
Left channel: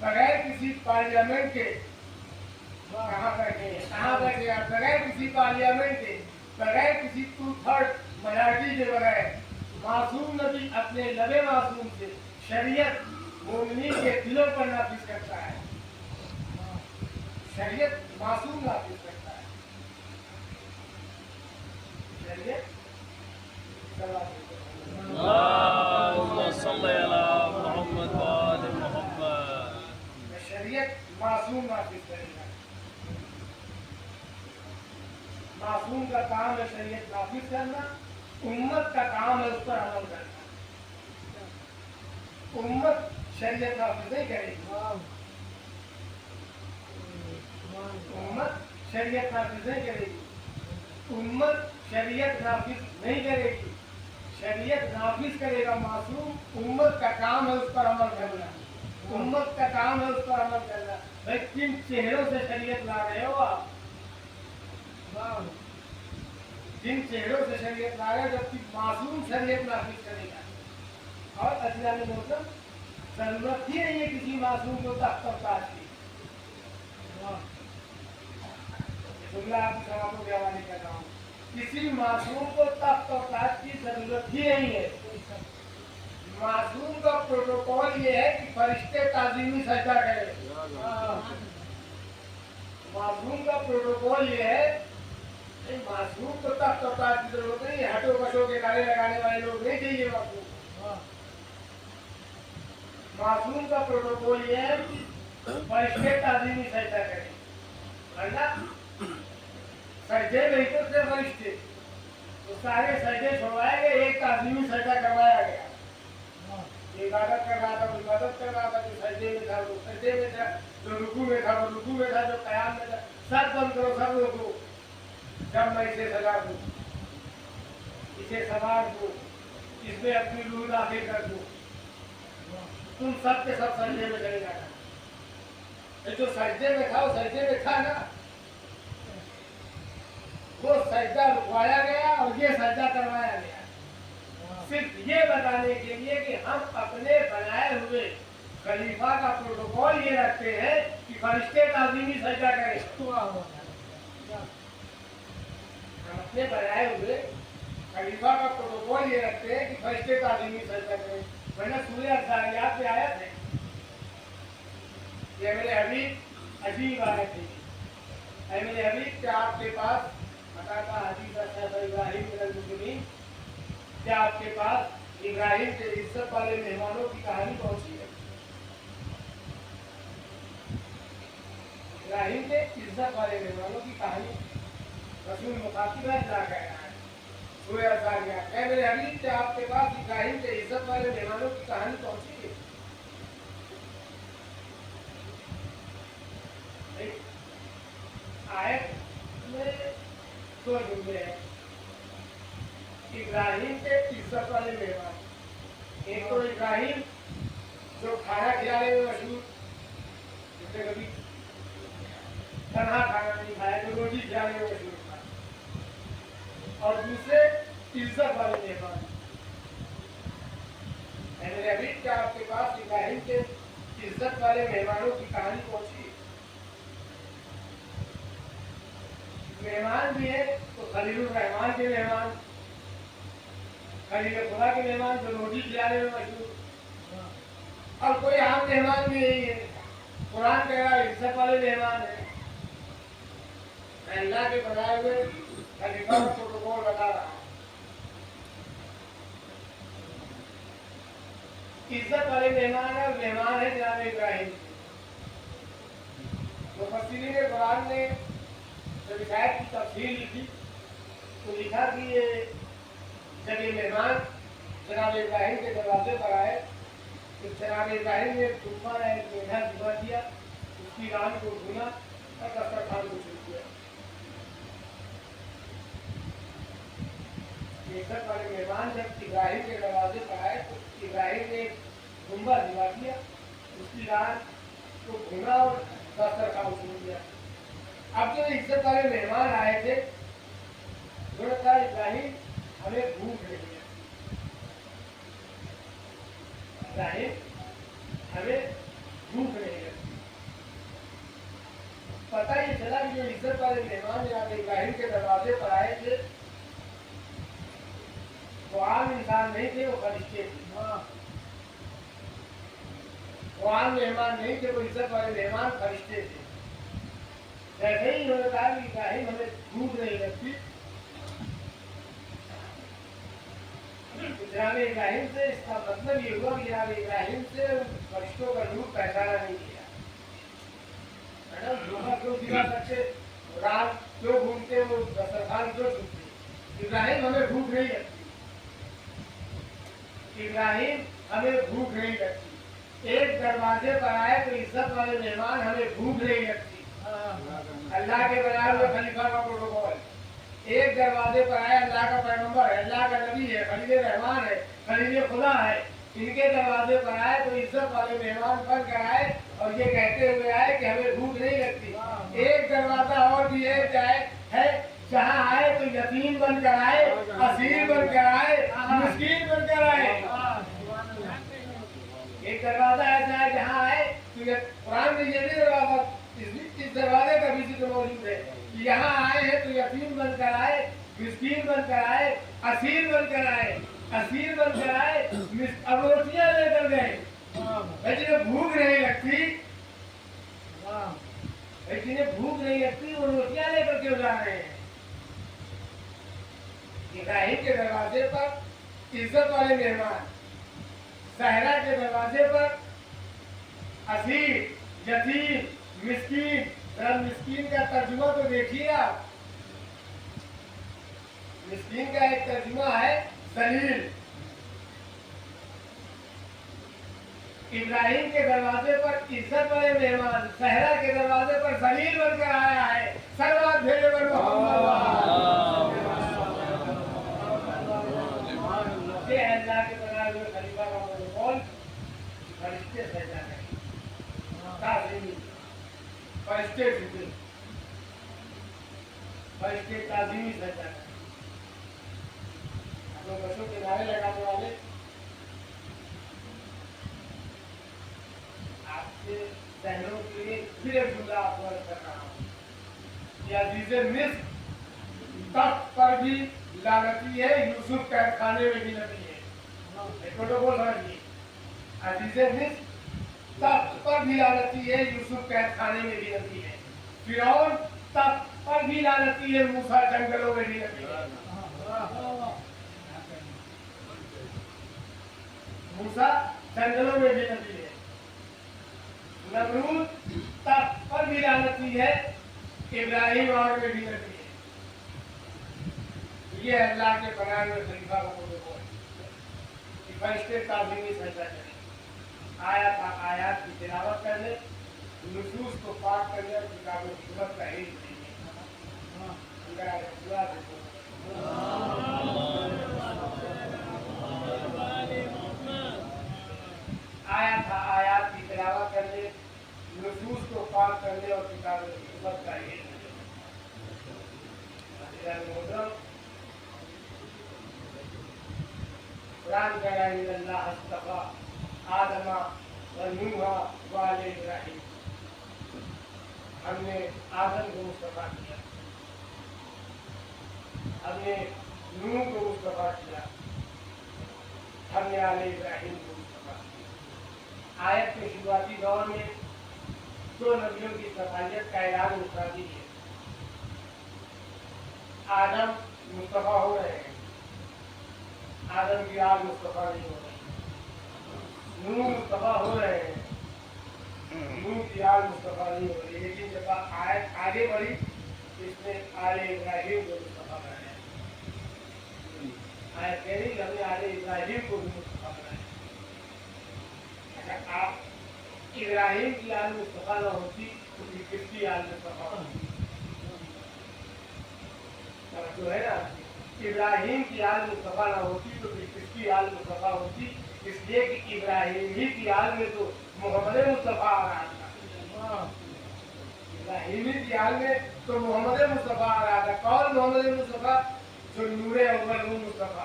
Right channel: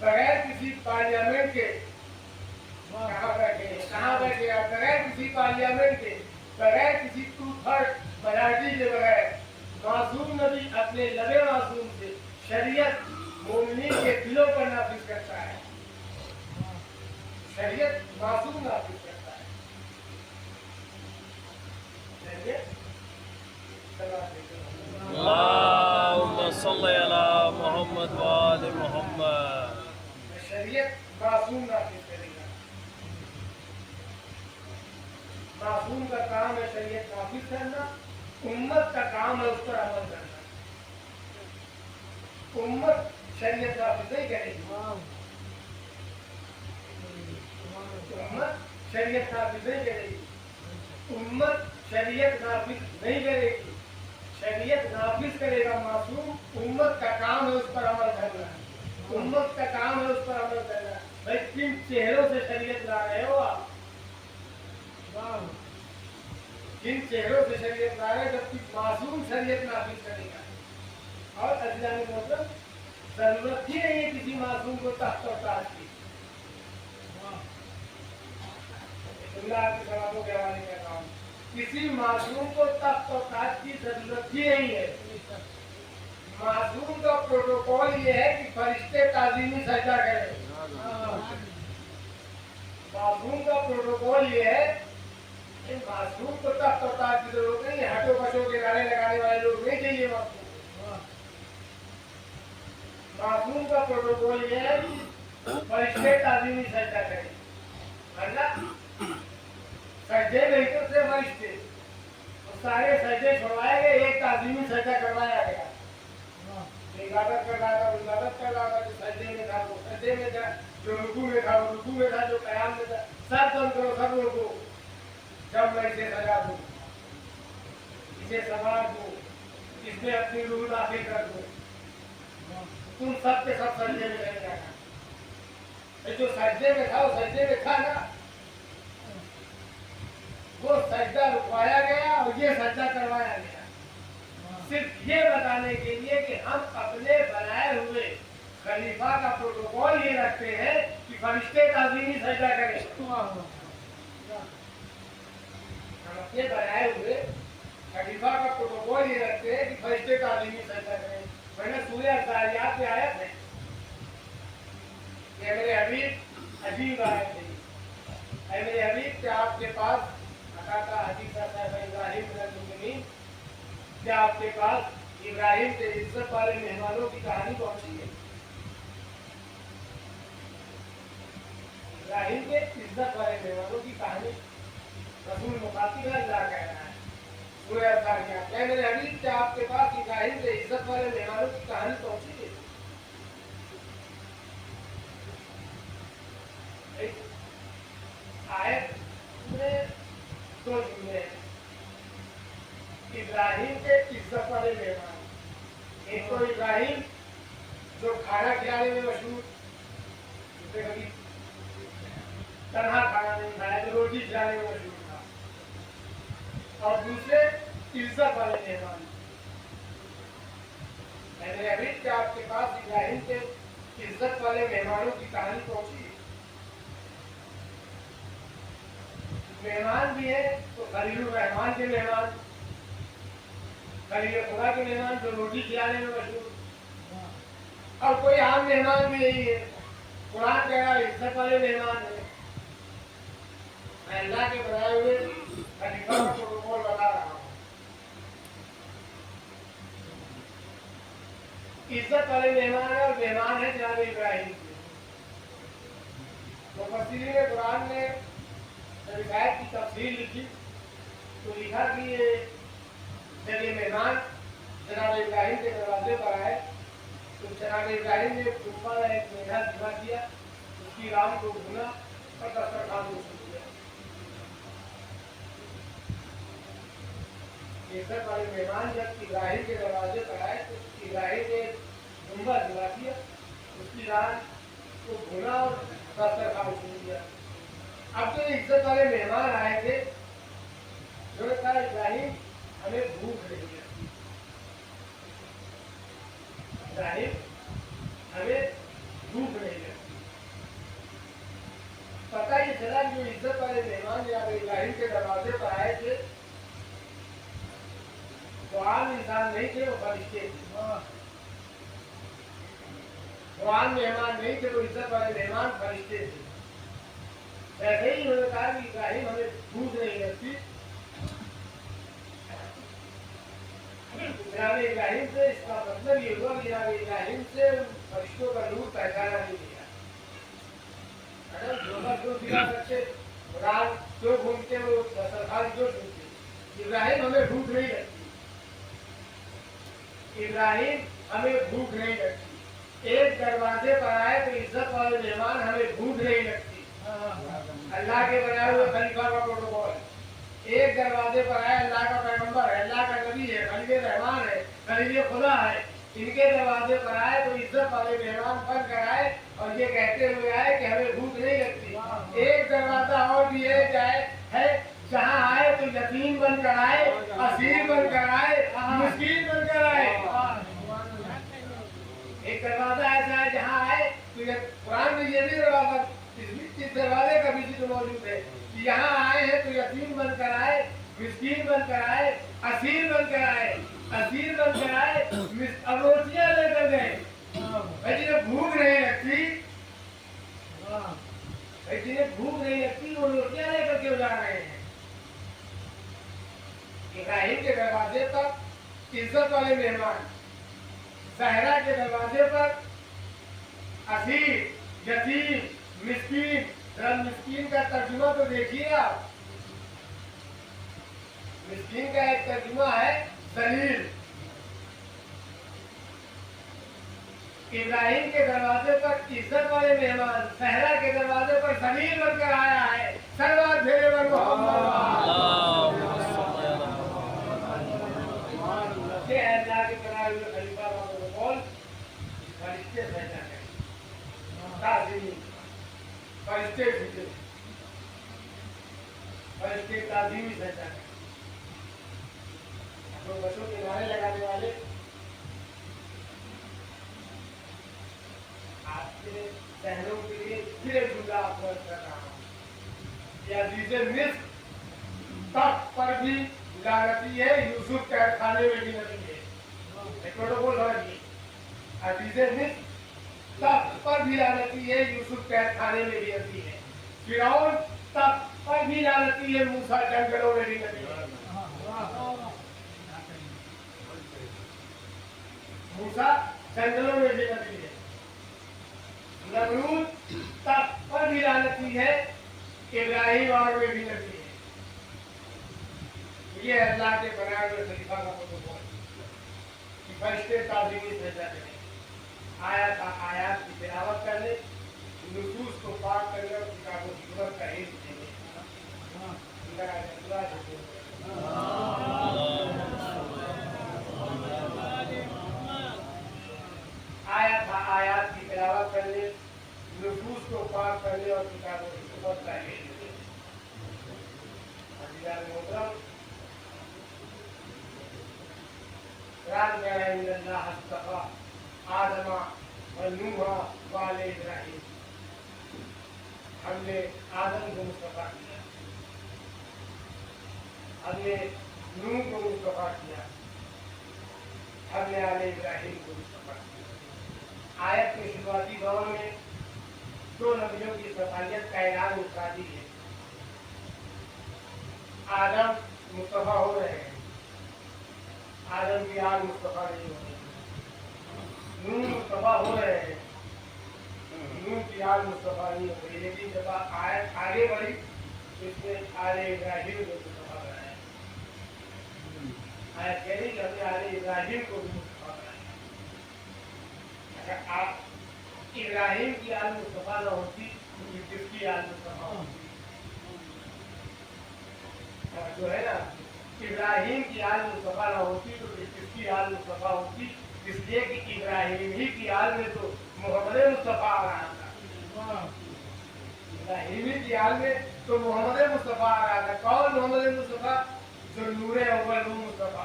बगैर किसी पार्लियामेंट के, कहाँ बैठे आप, बगैर किसी पार्लियामेंट के, बगैर किसी टू थर्ड मेजॉरिटी के बगैर मासूम नबी अपने लबे मासूम से शरीयत मोमिनीन के दिलों पर नाफिज करता है। शरीयत मासूम नाफिज करता है। शरीयत शरीयत मासूम नाफिज करेगा। मासूम का काम है शरीयत नाफिज करना, उम्मत का काम है उस पर अमल करना। उम्मत शरीयत नाफिज नहीं करेगी, उम्मत शरीयत नाफिज नहीं करेगी, उम्मत शरीयत नाफिज नहीं करेगी। शरीयत नाफिज करेगा मासूम, उम्मत का काम है उस पर अमल करना, उम्मत का काम है उस पर अमल करना। भाई किन चेहरों से शरीयत ला रहे हो आप, किन चेहरों से शरीयत ला रहे हो, जबकि मासूम शरीयत नाफिज करेगा। और अज़ीज़ान मोहतरम, जरूरत ही नहीं है किसी मासूम को तख्त और ताज की। आपकी सवालों के हवाले कर रहा हूँ, किसी मासूम को तख्त और ताज की जरूरत ही नहीं है। मासूम का प्रोटोकॉल ये है कि फरिश्ते ताज़ीमी सजदा करें। मासूम का प्रोटोकॉल ये है, मासूम तो तख्त और ताज की जरूरत नहीं है, हटो बशो के नारे लगाने वाले लोग नहीं चाहिए मासूम। मासूम का प्रोटोकॉल ये है कि फरिश्ते ताज़ीमी सजदा करें, वरना सजदे नहीं तो सिर्फ फरिश्ते, तो सारे सजदे छुड़वाए गए, एक ताज़ीमी सजदा करवाया गया। इबादत कर रहा था वो इबादत कर रहा था, जो सजदे में था वो सजदे में था, जो रुकू में था वो रुकू में था, जो क़याम में था। सब बंद करो, सब रोको, जब मैं इसे सजा दूं, इसे सवार दूं, इसमें अपनी रूह दाखिल कर दूं, तुम सब के सब सजदे में नहीं जाना। जो सजदे में था वो सजदे में था ना, वो सजदा रुकवाया गया और ये सजदा करवाया गया, सिर्फ ये बताने के लिए कि हम अपने बनाए हुए खलीफा का प्रोटोकॉल ये रखते हैं कि फरिश्ते ताज़ीमी सजदा करें। हम अपने बनाए हुए खलीफा का प्रोटोकॉल ये रखते हैं कि फरिश्ते ताज़ीमी सजदा करें। वरना सूरह अज़ारियात में आयत है, ये मेरे हबीब अजीब आयत है, ऐ मेरे हबीब क्या आपके पास अता हदीस इब्राहिम मिनल मुजरिमीन, क्या आपके पास इब्राहिम के इज्जत वाले मेहमानों की कहानी पहुंची है? इब्राहिम के इज्जत वाले मेहमानों की कहानी रसूल मुखातिब अल्लाह कह रहा है सूरह अज़ारियात, ऐ मेरे हबीब क्या आपके पास इब्राहिम के इज्जत वाले मेहमानों की कहानी पहुंची है? आयत में दो जुमले हैं, इब्राहिम के इज्जत वाले मेहमान। एक तो इब्राहिम जो खाना खिलाने में मशहूर, जिसने कभी तन्हा खाना नहीं खाया, जो रोटी खिलाने में मशहूर था, और दूसरे इज्जत वाले मेहमान। मैंने अभी क्या आपके पास इब्राहिम के इज्जत वाले मेहमानों की कहानी पहुंची? मेहमान भी है तो खलीलुर रहमान के मेहमान, खलील खुदा के मेहमान जो रोटी खिलाने में मशहूर, और कोई आम मेहमान भी नहीं है। कुरान कह रहा है इज्जत वाले मेहमान है। मैं अल्लाह के बनाए हुए खलीफा का प्रोटोकॉल बता रहा हूँ। इज्जत वाले मेहमान है, और मेहमान है जनाब इब्राहिम। मुफस्सिरीन कुरान ने जब इस आयत की तफसीर लिखी तो लिखा कि ये जब ये मेहमान जनाब इब्राहिम के दरवाजे पर आए तो जनाब इब्राहिम ने तूफा या एक मेढा धिमा किया, उसकी रान को भुना और दस्तरखान को छू दिया। इज्जत वाले मेहमान जब इब्राहिम के दरवाजे पर आए तो इब्राहिम ने गुम्बा धिमा किया, उसकी रान को भुना और दस्तरखान छू दिया। अब जो इज्जत वाले मेहमान आए थे उन्होंने कहा इब्राहिम हमें भूख नहीं लगती, इब्राहिम हमें भूख नहीं लगती। पता ही चला कि जो इज्जत वाले मेहमान जब इब्राहिम के दरवाजे पर आए थे वो आम इंसान नहीं थे, वो फरिश्ते थे। वो आम मेहमान नहीं थे, वो इज्जत वाले मेहमान फरिश्ते थे। वैसे ही उन्होंने कहा कि इब्राहिम हमें भूख नहीं लगती। जनाब इब्राहिम से इसका मतलब ये हुआ कि जनाब इब्राहिम से फरिश्तों का नूर पहचाना नहीं गया। मैडम धोखा क्यों दिला सकते, रात क्यों घूमते, वो दस्तरखान क्यों छूटते। इब्राहिम हमें भूख नहीं लगती, इब्राहिम हमें भूख नहीं लगती। एक दरवाजे पर आए तो इज्जत वाले मेहमान हमें भूख नहीं लगती। अल्लाह के बनाए हुए खलीफा का प्रोटोकॉल, एक दरवाजे पर आए अल्लाह का पैगंबर है, अल्लाह का नबी है, खलील रहमान है, खलील खुदा है, इनके दरवाजे पर आए तो इज्जत वाले मेहमान बन कर आए और ये कहते हुए आए कि हमें भूख नहीं लगती। एक दरवाजा और भी है जहाँ आए तो यतीम बनकर आए, असीर बनकर आए, मिस्कीन बनकर आए। एक दरवाजा ऐसा है जहाँ आए तो कुरान में ये भी दरवाजा, इस दरवाजे का भी जिक्र मौजूद है कि यहाँ आए हैं तो यतीम बनकर आए, मिस्कीन बनकर आए, असीर बनकर आए, असीर बनकर आए, अब रोटियां लेकर गए। भाई जिन्हें भूख नहीं लगती, भाई जिन्हें भूख नहीं लगती वो रोटियां लेकर क्यों जा रहे हैं। इब्राहिम के दरवाजे पर इज्जत वाले मेहमान, सहरा के दरवाजे पर असीर, यतीम, मिस्कीन। जरा मिस्कीन का तर्जुमा तो देखिए आप। मिस्कीन का एक तर्जुमा है दलील। इब्राहिम के दरवाजे पर इज्जत वाले मेहमान, सहरा के दरवाजे पर जलील बनकर आया है। सर्वात भेजे पर अल्लाह के बनाए हुए खलीफा का प्रोटोकॉल फरिश्ते सजा है, फरिश्ते झूठे, फरिश्ते ताज़ीमी सजा है। तो बच्चों के नारे लगाने वाले आपके सहनों के लिए फिर एक जुमला आपको कर रहा हूँ। या जिसे मिस्र तख्त पर भी लानती है, यूसुफ कैद खाने में भी नबी है। प्रोटोकॉल समझिए, अजीज़े मिस्र तख्त पर भी लानती है, यूसुफ कैद खाने में भी नबी है। फिरौन तख्त पर भी लानती है, मूसा जंगलों में भी नबी है। मूसा जंगलों में भी नबी है। नमरूद तख्त पर भी लानती है, इब्राहिम और में भी नबी है। ये अल्लाह के बनाए हुए खलीफा का प्रोटोकॉल, फरिश्ते ताज़ीमी सजदा करें, आयात की तिलावत करने, नुसूस को पाक करने और किताबों की हिकमत का इल्म देने। आयात की तिलावत करने, नुसूस को पाक करने और किताबों की हिकमत का इल्म देने। कुरान कह रहा है अल्लाह अस्तफ़ा आदमा व नूहा व आले इब्राहिम, हमने आदम को मुस्तफा किया, हमने नूह को मुस्तफा किया, हमने आले इब्राहिम को मुस्तफा। आयत के शुरुआती दौर में दो नबियों की सफालियत का ऐलान मुस्तादी है। आदम मुस्तफा हो रहे हैं, आदम की आल मुस्तफा नहीं हो रही। नूह मुस्तफा हो रहे हैं, नूह की आल मुस्तफा नहीं हो रही। लेकिन जब आयत आगे बढ़ी तो इसमें आले इब्राहिम को मुस्तफा बनाया। आयत कह रही कि हमने आले इब्राहिम को भी मुस्तफा बनाया। अच्छा, आप इब्राहिम की आल मुस्तफा न होती तो फिर किसकी आल मुस्तफा होती? जो है ना, इब्राहिम की आल मुस्तफा ना होती तो फिर किसकी आल मुस्तफा होती? इसलिए कि इब्राहिम ही की आल में तो मोहम्मद मुस्तफा आ रहा था। इब्राहिमी की आल में तो मोहम्मद मुस्तफा आ रहा था। कौन मोहम्मद मुस्तफा? जो नूरे अव्वल वो मुस्तफा,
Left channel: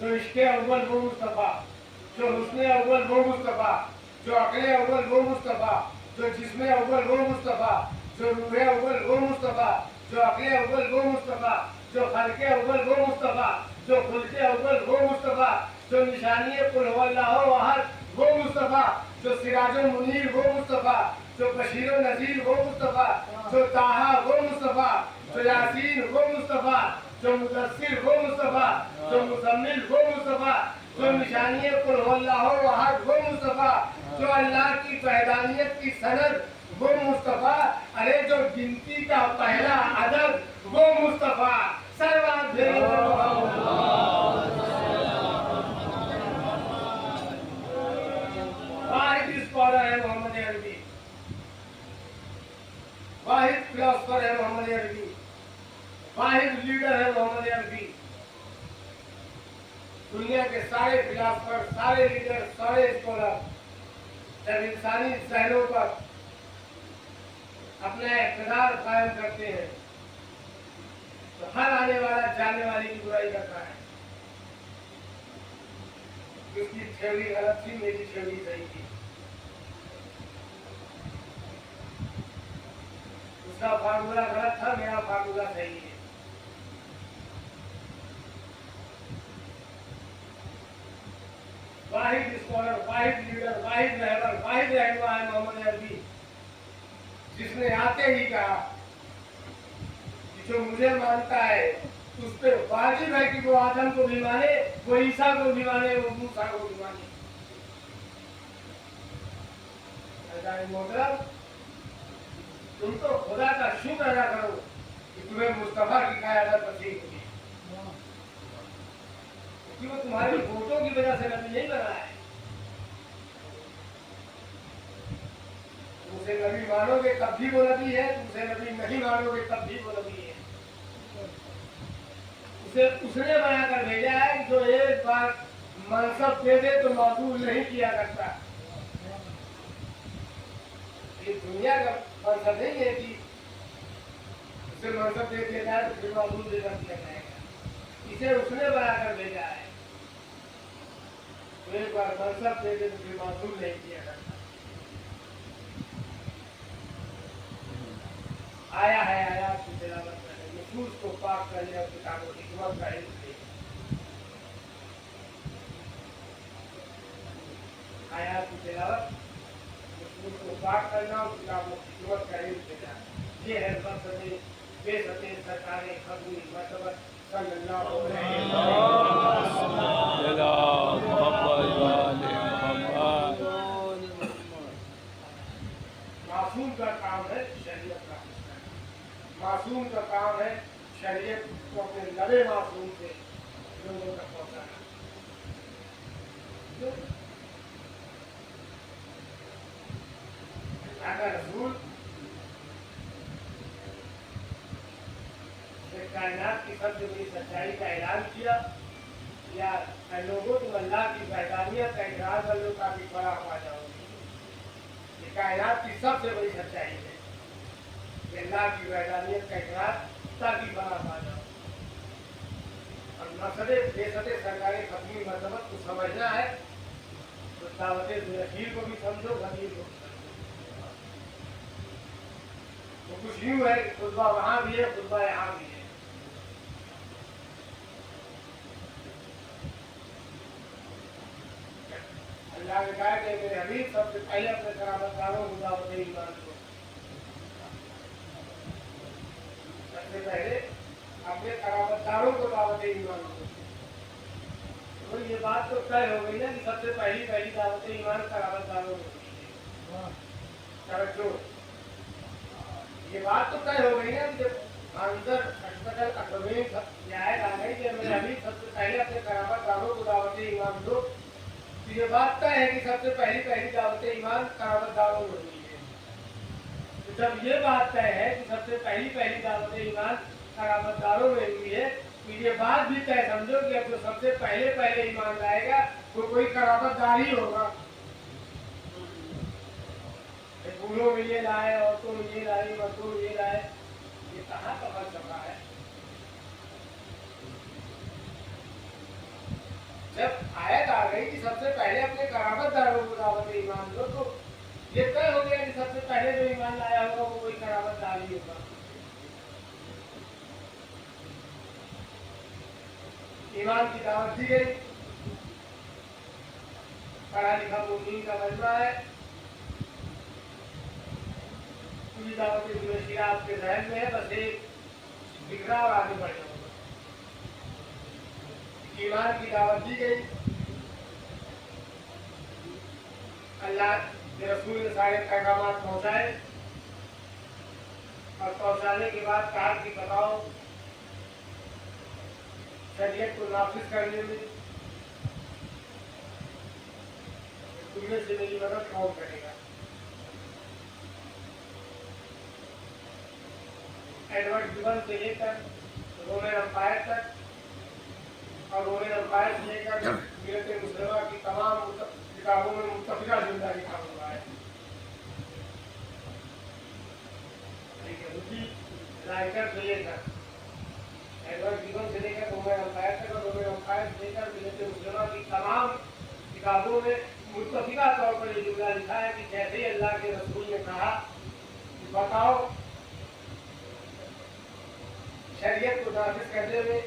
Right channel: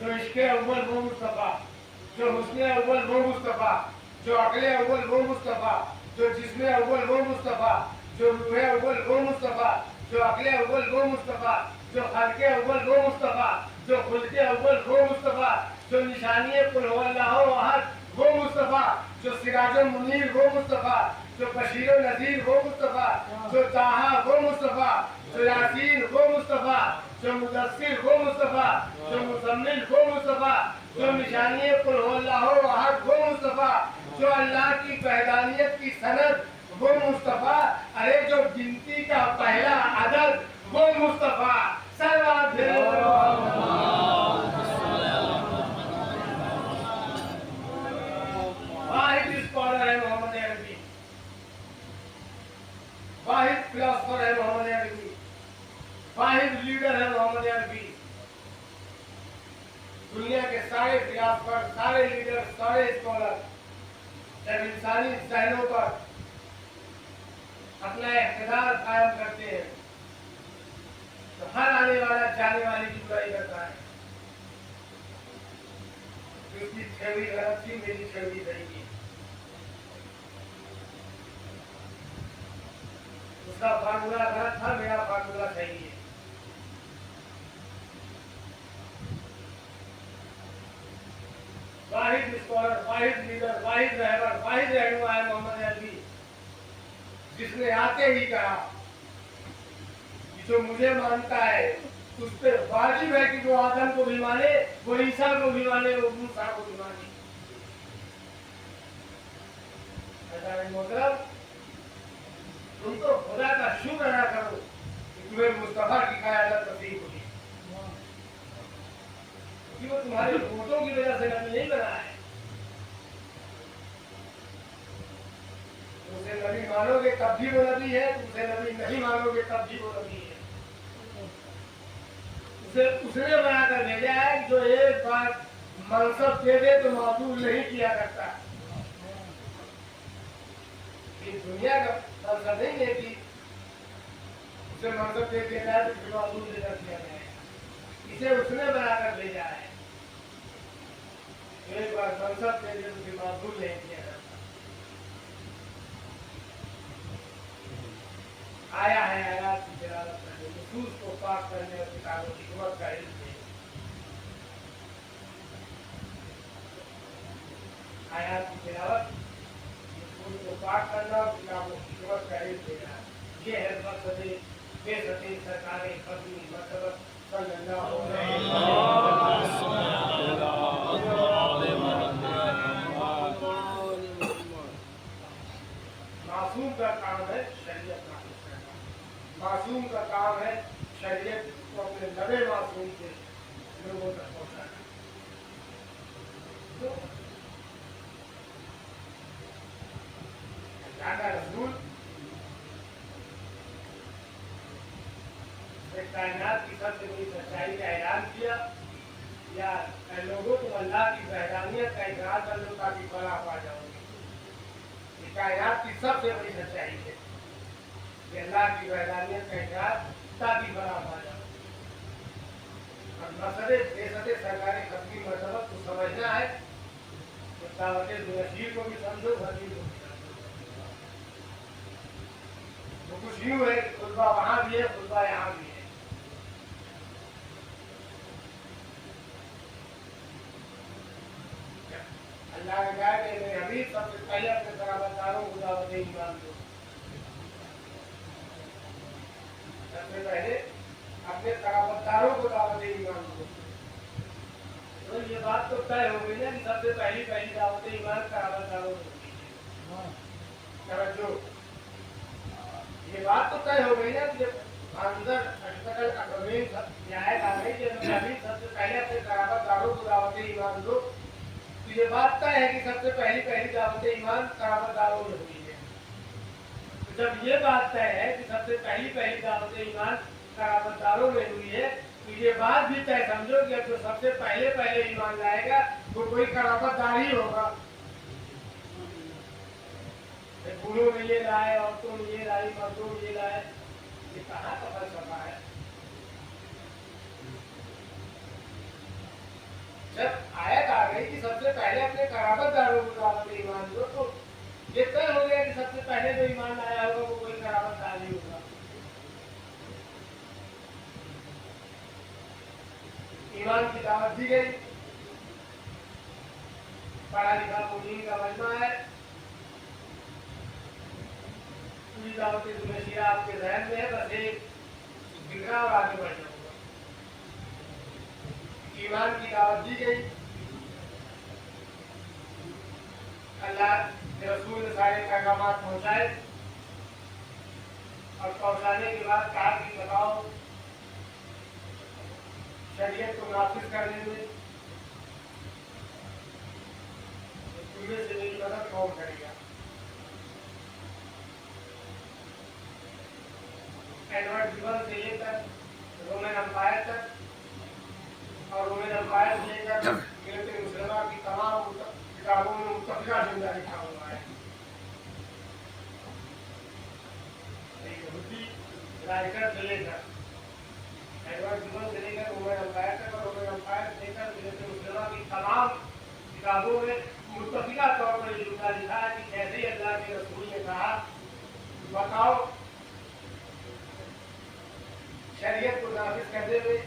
जो इश्क़े अव्वल वो मुस्तफा, जो हुस्ने अव्वल वो मुस्तफा, जो अक़ले अव्वल वो मुस्तफा, जो जिस्मे अव्वल वो मुस्तफा, जो रूहे अव्वल वो मुस्तफा, जो अक़ले अव्वल वो मुस्तफा, जो खल्क़े अव्वल वो मुस्तफा, जो खुल्क़े अव्वल वो मुस्तफा, जो निशानी कुल हुवल्लाहु अहद वो मुस्तफा, जो सिराजुल मुनीर वो मुस्तफा, जो बशीर नज़ीर वो मुस्तफा, जो ताहा वो मुस्तफा, जो यासीन वो मुस्तफा, जो मुदस्सिर वो मुस्तफा, जो मुज़म्मिल वो मुस्तफा, जो निशानी कुल हुवल्लाहु अहद वो मुस्तफा, जो अल्लाह की वहदानियत की सनद वो मुस्तफा, अरे जो गिनती का पहला अदद वो मुस्तफा। वाहिद स्कॉलर है मोहम्मद अरबी, वाहिद फिलोसफर है मोहम्मद अरबी, वाहिद लीडर है मोहम्मद अरबी। दुनिया के सारे फिलोसफर, सारे लीडर, सारे स्कॉलर जब इंसानी जहनों पर अपना इक़्तिदार कायम करते हैं तो हर आने वाला जाने वाले की बुराई करता है। उसकी थ्योरी गलत थी, मेरी थ्योरी सही थी। उसका फार्मूला गलत था, मेरा फार्मूला सही है। वाहिद स्कॉलर, वाहिद लीडर, वाहिद रहबर, वाहिद रहनुमा है मोहम्मद अरबी, जिसने आते ही कहा कि जो मुझे मानता है उस पर वाजिब है कि वो आदम को भी माने, वो ईसा को भी माने, वो मूसा को भी माने। मोहतरम, तुम तो खुदा का शुक्र अदा करो कि तुम्हें मुस्तफा की क़यादत नसीब हुई, क्योंकि वो तुम्हारे वोटों की वजह से नबी नहीं बना है। तुमसे नबी मानोगे तब भी वो नबी है, तुमसे नबी नहीं मानोगे तब भी वो नबी है। उसे उसने बनाकर भेजा है जो एक बार मनसब दे दे तो माकूल नहीं किया करता। ये दुनिया का मनसब नहीं है कि उसे मनसब दे दिया जाए तो फिर माकूल दे दिया जाएगा। इसे उसने बनाकर भेजा है, तो एक बार मनसब दे दे तो फिर माकूल नहीं किया करता। आया है आयात की तिलावत करने, नसूस को पाक करने और किताब और हिकमत का इल्म है। आयात की तिलावत, नसूस को पाक करना और किताब और हिकमत का इल्म देना, ये है मकसद बेसते सरकार खत्मी मरतबत सल्लल्लाहु अलैहि वसल्लम। मासूम का काम है शरीयत का, मासूम का काम है शरीयत को अपने लबे मासूम से लोगों तक पहुंचाना। तो रसूल कायनात की सबसे बड़ी सच्चाई का ऐलान किया, या लोगों तुम अल्लाह की वहदानियत का इकरार कर लो ताकि फलाह पा जाओगे। ये कायनात की सबसे बड़ी सच्चाई है, अल्लाह की वहदानियत का इकरार ताकि फलाह पा जाओ। और मसले बेसते सरकारी खत्मी मसबत को समझना है तो दावत ज़ुरशीर को भी समझो, फकीर को भी समझो। तो कुछ यूँ है कि खुतबा वहाँ भी है, खुतबा यहाँ भी है। अल्लाह ने कहा कि मेरे हबीब सबसे पहले अपने कराबतदारों को दावत ईमान दो, सबसे पहले अपने कराबतदारों को दावत ईमान दो। तो ये बात तो तय हो गई ना कि सबसे पहली दावत ईमान कराबतदारों को। समझो, ये बात तो तय हो गई ना कि जब अंदर अशफकल अकरमीन ये आयत आ गई कि मेरे हबीब सबसे पहले अपने कराबतदारों को दावत ईमान दो, तो ये बात तय है कि सबसे पहली दावत ईमान कराबतदारों में होती है। तो जब ये बात तय है कि सबसे पहली दावत ईमान कराबतदारों में हुई है, तो ये बात भी तय समझो कि अब जो सबसे पहले ईमान लाएगा वो कोई कराबतदार ही होगा। बूढ़ों में ये लाए, औरतों में ये लाई, मर्दों में ये लाए, ये कहाँ का फलसफा है? जब आयत आ गई कि सबसे पहले अपने कराबतदारों को दावत ईमान दो, तो ये तय हो गया कि सबसे पहले जो ईमान लाया होगा वो कोई कराबतदार ही होगा। ईमान की दावत दी गई, पढ़ा लिखा मुमीन का मजमा है, पूरी दावत दुनिया आपके जहन में है, बस एक बिगड़ा और आगे बढ़ जाऊंगा। ईमान की दावत दी गई, अल्लाह के रसूल ने सारे पैगाम पहुंचाए और पहुंचाने के बाद कहा कि बताओ शरीयत को नाफिज करने में तुमने से मेरी मदद कौन करेगा? एडवर्ड गिबन से लेकर रोमन एम्पायर तक और रोमन एम्पायर से लेकर मिलते मुसलमान की तमाम किताबों में मुतफिका जुमला लिखा हुआ है। यहूदी राइटर से लेकर एडवर्ड गिबन से लेकर रोमन एम्पायर तक और रोमन एम्पायर से लेकर मिलते मुसलमान की तमाम किताबों में मुतफिका तौर पर जुमला लिखा है कि कैसे अल्लाह के रसूल ने कहा बताओ शरीयत को नाफिज करने में,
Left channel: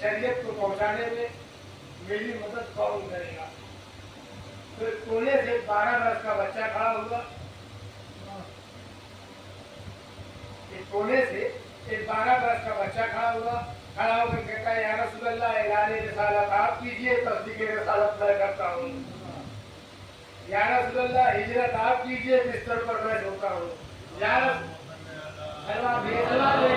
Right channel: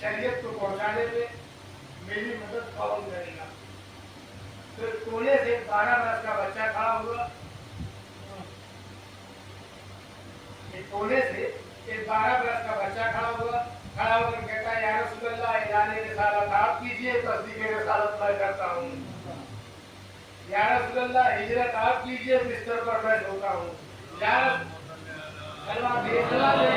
शरीयत को पहुंचाने में मेरी मदद कौन करेगा? फिर कोने से 12 बरस का बच्चा खड़ा हुआ, एक कोने से एक 12 बरस का बच्चा खड़ा होकर कहता है या रसूल अल्लाह ऐलान रिसालत आप कीजिए, तस्दीक रिसालत मैं करता हूँ। या रसूल अल्लाह हिजरत आप कीजिए, बिस्तर पर मैं सोता हूँ। या अल्लाह फैसला दे,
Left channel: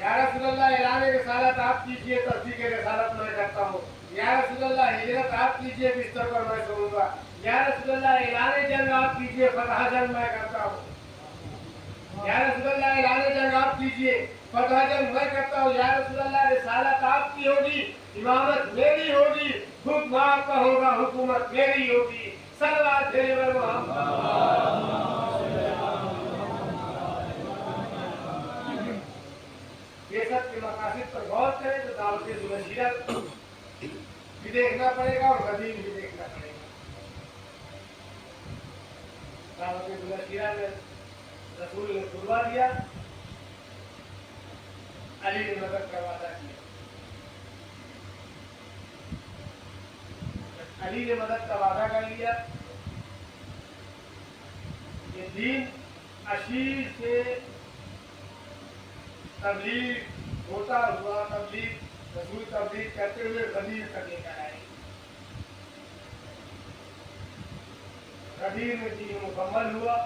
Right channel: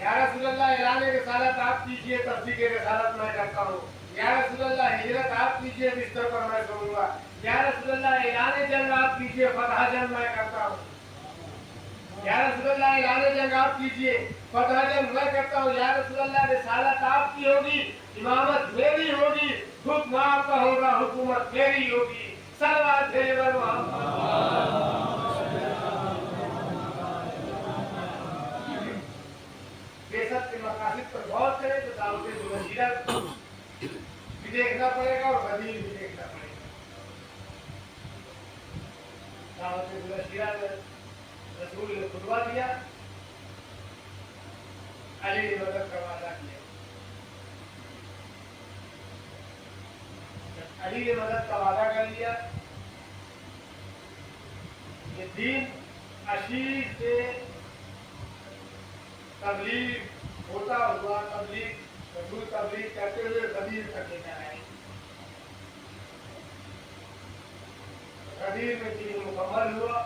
या रसूल अल्लाह ऐलान रिसालत आप कीजिए, तस्दीक रिसालत मैं करता हूँ। या रसूल अल्लाह हिजरत आप कीजिए, बिस्तर पर मैं सोऊंगा। या रसूल अल्लाह ऐलान जंग आप कीजिए, फतह जंग मैं करता हूँ। या रसूल अल्लाह ऐलान जंग आप कीजिए, फतह जंग मैं करता हूँ। या रसूल अल्लाह रिसालत आपकी होगी, इमामत मेरी होगी, हुक्म आपका होगा, हुकूमत मेरी होगी। सल्लल्लाहु अलैहि वसल्लम। बेशक के मकासद पर गौर करें तो दावत दुनिया भी देखना पड़ेगा और हदीस भी देखना पड़ेगा। दावत दुनिया में रसूल ने खुतबा दिया, अली ने मदद का वादा किया। अली ने मदद का वादा कर लिया। ये दीन अशीर से तबलीग होता हुआ रसूल तबलीग करते हुए गदीर तक लेकर आए। गदीर में दीन मुकम्मल हुआ,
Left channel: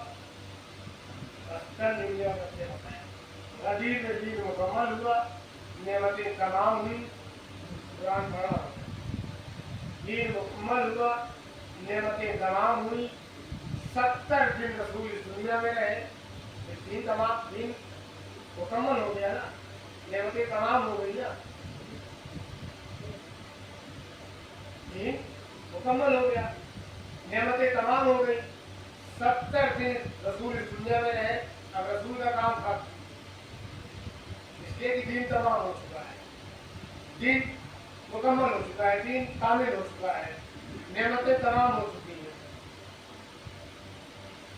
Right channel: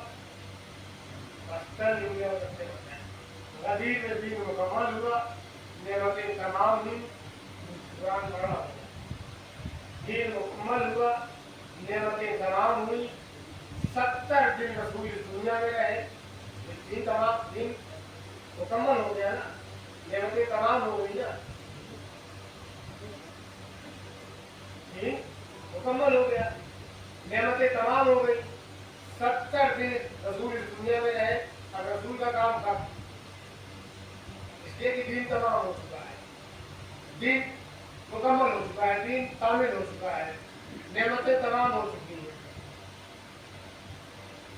गदीर में दीन मुकम्मल हुआ, नेमतें तमाम हुई, कुरान पढ़ा, दीन मुकम्मल हुआ, नेमतें तमाम हुई। 70 दिन रसूल इस दुनिया में रहे, दीन तमाम दीन मुकम्मल हो गया ना, नेमतें तमाम हो गई ना, दीन मुकम्मल हो गया, नेमतें तमाम हो गई। 70 दिन रसूल इस दुनिया में रहे, अब रसूल का काम था इसलिए कि दीन तमाम हो चुका है, दीन मुकम्मल हो चुका है, दीन कामिल हो चुका है, नेमतें तमाम हो चुकी है।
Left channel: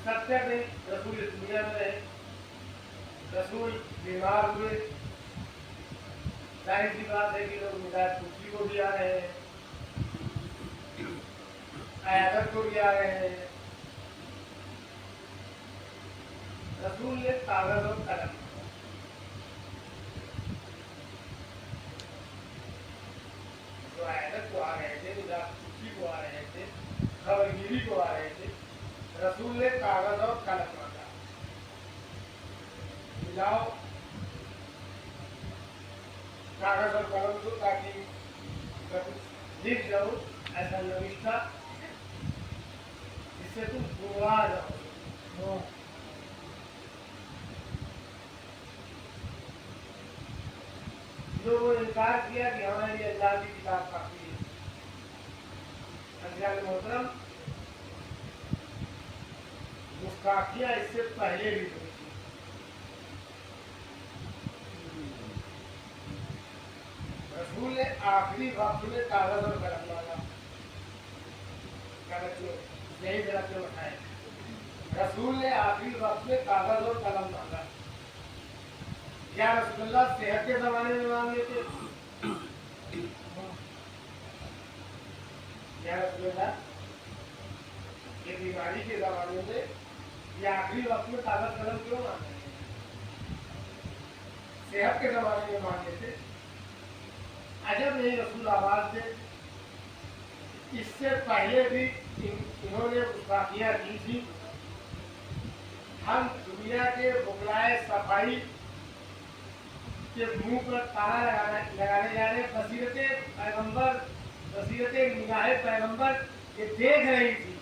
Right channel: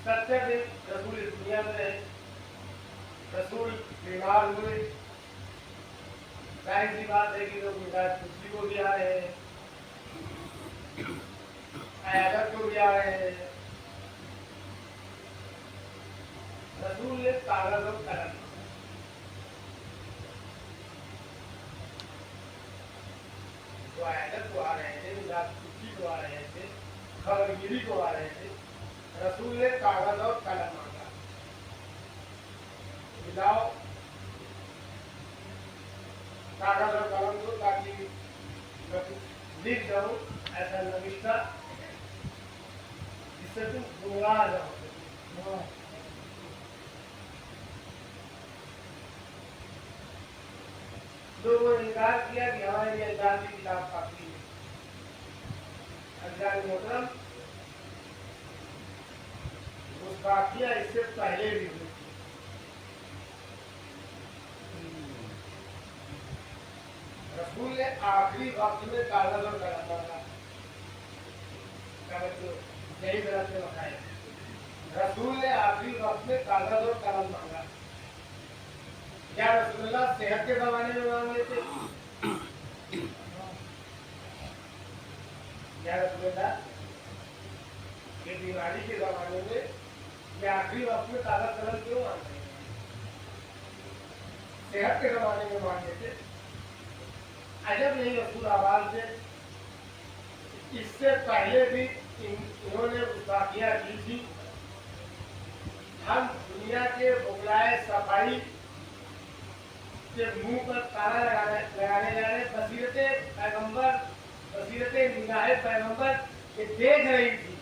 70 दिन रसूल इस दुनिया में रहे, रसूल बीमार हुए, जाहिर सी बात है कि लोग मिजाज कुर्सी को भी आ रहे हैं, आयादत को भी आ रहे हैं। रसूल ने कागज और कलम, तो आयादत को आ रहे थे, मिजाज कुर्सी को आ रहे थे, खबरगिरी को आ रहे थे। रसूल ने कागज और कलम मांगा, मिलाओ कागज और कलम को, ताकि मैं कुछ लिख जाऊं ऐसा नविश्ता जिससे तुम गुमराह जाओ। लोगों ने इनकार किया कि हमारे लिए अल्लाह की किताब काफी है। अल्लाह मोहतरम, गुस्ताखियां इससे पहले भी हुई थी। रसूल ने आखिरी वक्त में कागज और कलम मांगा, यही तरह से बताए। रसूल ने आखिरी वक्त में कागज और कलम मांगा। या रसूलुल्लाह सेहत के जमाने में मांग लेते? या रसूलुल्लाह ये बीमारी के जमाने में या आखिरी वक्त में कागज कलम क्यों मांग रहे हैं? सेहत के जमाने में मांग लेते। अजब नहीं रसूल आवाज दे। इससे पहले भी इन्होंने गुस्ताखियां की थी। हम दुनिया के बुगलाए सफाई के मुंह पर ताला लगाने जा रहे। बसीरते पैगंबर, बसीरते निगाहे पैगंबर ये देख रही थी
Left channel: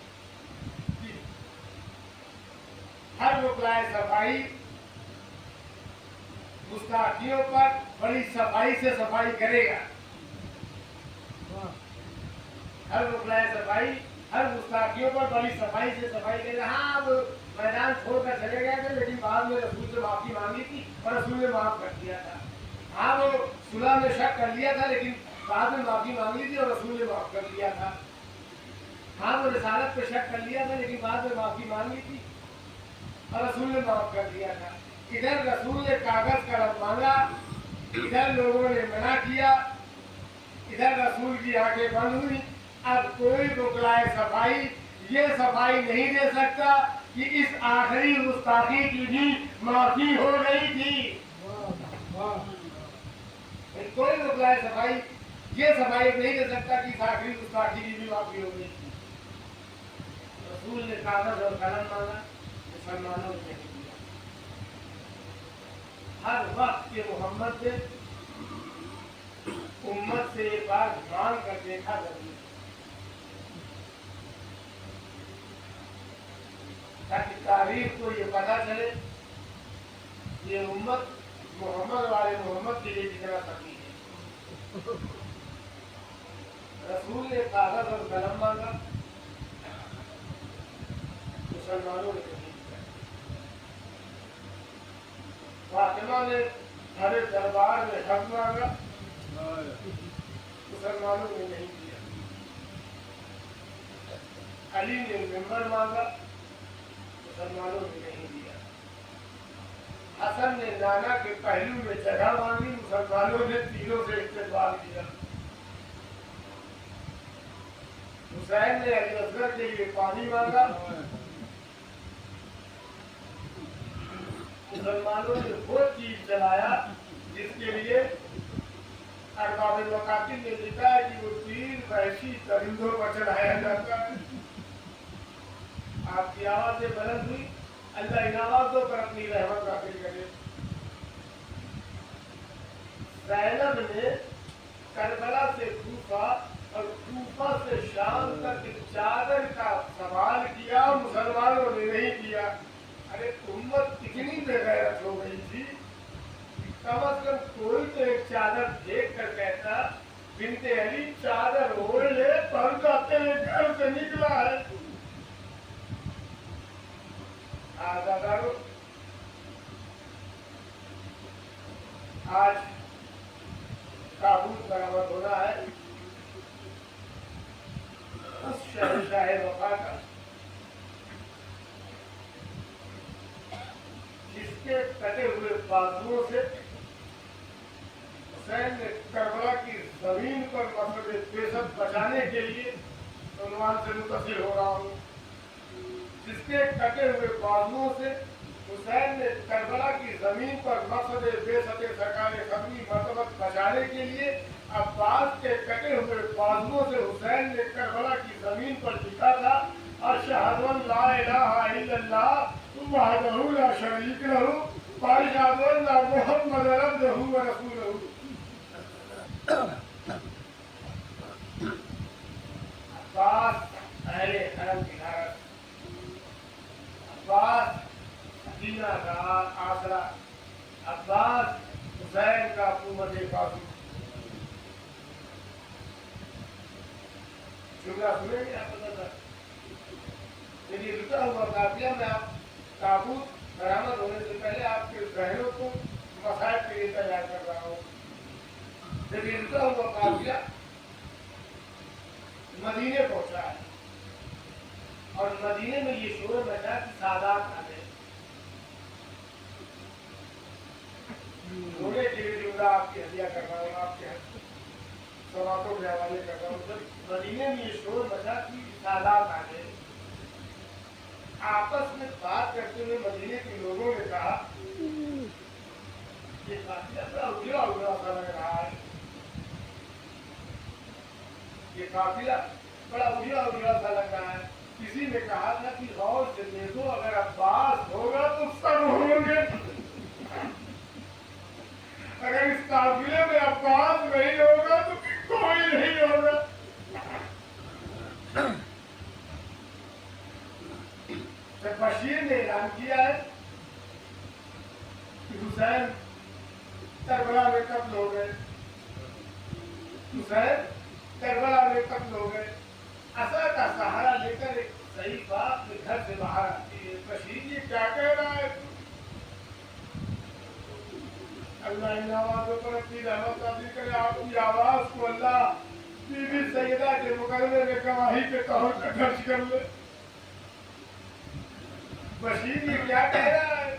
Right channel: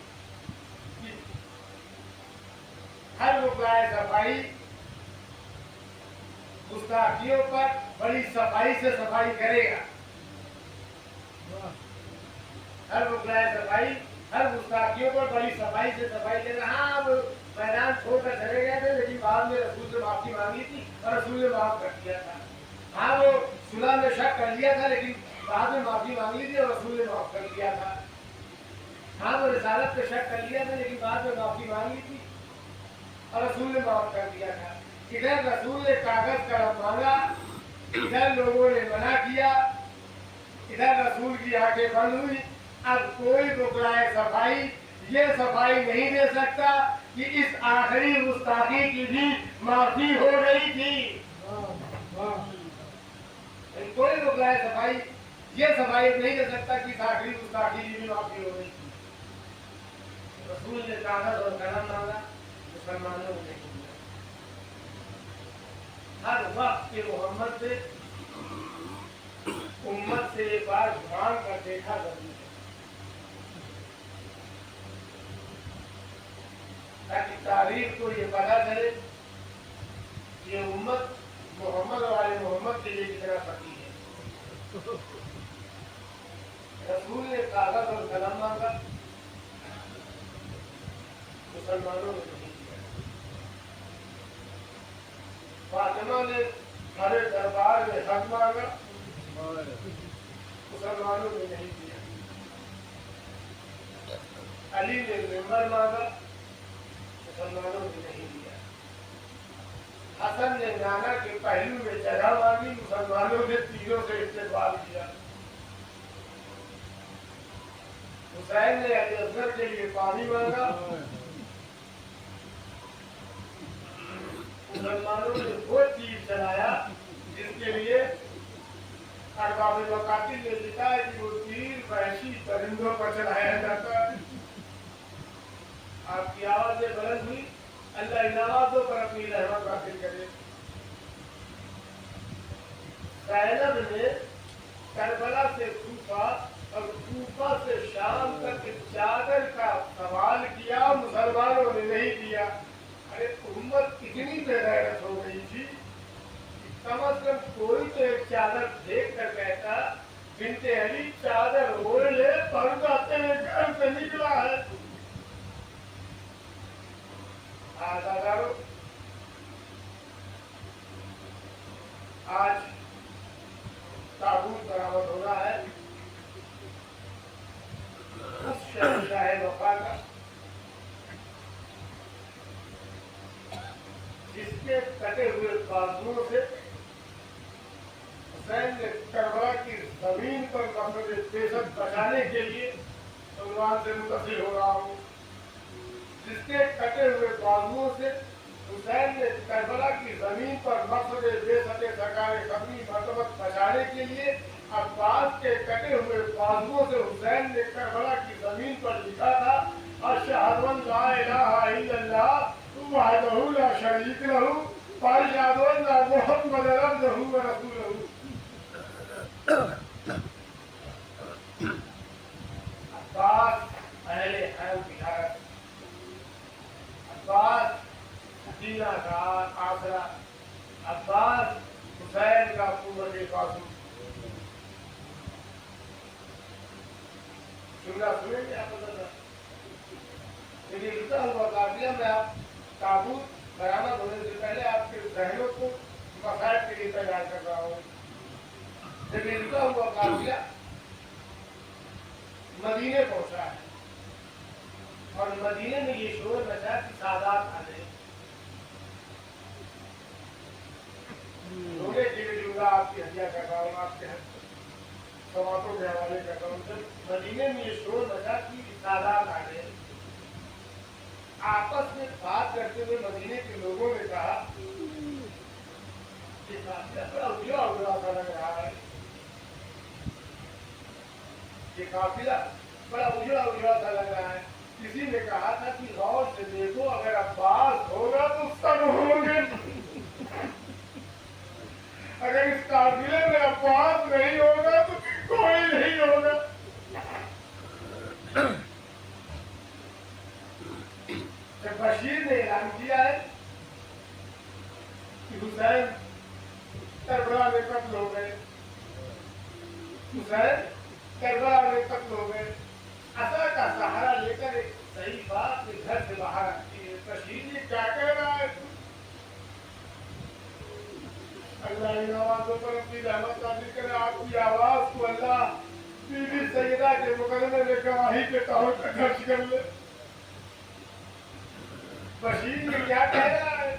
कि हर बुगलाए सफाई गुस्ताखियों पर बड़ी सफाई से सफाई करेगा। हर बुगलाए सफाई हर गुस्ताखियों पर बड़ी सफाई से सफाई करेगा। हाँ, वो मैदान छोड़कर चले गए थे, लेकिन बाद में रसूल से माफी मांगी थी और रसूल ने माफ कर दिया था। हाँ, वो सुलह में शक कर लिया था, लेकिन बाद में माफी मांगी थी और रसूल ने माफ कर दिया था। हाँ, वो रिसालत पे शक कर लिया था, लेकिन बाद में माफी मांगी थी और रसूल ने माफ कर दिया था। इधर रसूल ने कागज कलम मांगा, इधर लोगों ने मना किया, इधर रसूल की आंखें बंद हुई। अब कोई बुगलाए सफाई ये सफाई नहीं दे सकता कि इस आखिरी गुस्ताखी की भी माफी हो गई थी। कोई बुगलाए सफाई ये सफाई नहीं दे सकता कि इस आखिरी गुस्ताखी की भी माफी हो गई थी। रसूल ने कागज और कलम मांगा, मुसलमानों ने हर वक्त के मोहम्मद से उम्मत से एक बार मांग कर देखा जरूर, ताकि तारीख को ये पता चले ये उम्मत मोहम्मद वाले मोहम्मद के लिए कितना सही है। रसूल ने कागज और कलम मांगा, मुसलमानों ने नहीं दिया। फातिमा ने हरे दरबार में हक मांगा, मुसलमानों ने नहीं दिया। अली ने मिंबर मांगा, मुसलमानों ने नहीं दिया। हसन ने नाना के पहलू में जगह मांगी, मुसलमानों ने तीरों से इस्तेमाल किया। हुसैन ने अली असगर के लिए पानी मांगा, मुसलमानों ने वो चीज चलाया जिसके लिए अरबाब मकातिल ने लिखा है कि वो तीर वहशी परिंदों पर चलाया जाता है। आपकी आवाजें बुलंद हुई, अल्लाह इन आवाजों पर अपनी रहमत नाज़िल करे। ज़ैनब ने करबला से कूफा और कूफा से शाम तक चादर का सवाल किया, मुसलमानों ने नहीं किया। अरे उम्मत इतनी बेगैरत हो गई थी, कम अज कम कोई तो एक चादर देख कर कहता बिनते अली चादर ओढ़ ले, पर्दा तेरे घर से निकला है। आज ताबूत बरामद होना है उस शहंशाह वफा का जिसके कटे हुए बाजुओं से हुसैन ने करबला की जमीन पर मसले बेसत बचाने के लिए उन्वान से मुतसिल हो रहा हूँ। जिसके कटे हुए बाजुओं से हुसैन ने करबला की जमीन पर मसले बेसत सरकार खबरी मरतबत बचाने के लिए अब्बास के कटे हुए बाजुओं से हुसैन ने करबला की जमीन पर लिखा था, अशहदु अन ला इलाहा इल्लल्लाह वहदहु ला शरीक लहू व अशहदु अन्ना मुहम्मदन अब्दुहु व रसूलुहु। अब्बास अहले हरम की धारक, अब्बास मदीना का आसरा, अब्बास हुसैन का कुव्वत बाजू। जुमला सुनेंगे आप पता लेकिन रुका हुआ काफिया में आप ताबूत बरामद होने से पहले आपके जहनों को मसाइल के लिए तैयार कर रहा हूँ। लेकिन रुका हुआ काफिया मदीने पहुंचा है और मदीने में ये शोर मचा कि सादात आ गए। रोने के लिए जुमला आपकी हदिया कर रहा हूँ, आपके समातों के हवाले कर रहा हूँ। जब मदीने में ये शोर मचा कि सादात आ गए, आपस में बात करते हुए मदीने के लोगों ने कहा, ये काफिला बड़ा उजड़ा उजड़ा सा लग रहा है, ये काफिला बड़ा उजड़ा उजड़ा सा लग रहा है। किसी ने कहा था कि गौर से देखो, अगर अब्बास होगा तो सब होंगे, अगर इस काफिले में अब्बास नहीं होगा तो कोई नहीं होगा। जब बशीर ने ऐलान किया है कि हुसैन करबला में कत्ल हो गए, हुसैन करबला में कत्ल हो गए, असा का सहारा लेकर एक सही बात के घर से बाहर आती है। बशीर ये क्या कह रहा है तू? अल्लाह इन आवाजों पर अपनी रहमत नाज़िल करे। आपकी आवाज को अल्लाह बीबी सैयदा के मुकदमे में गवाही के तौर पर दर्ज कर ले। बशीर ये क्या कह रहा है?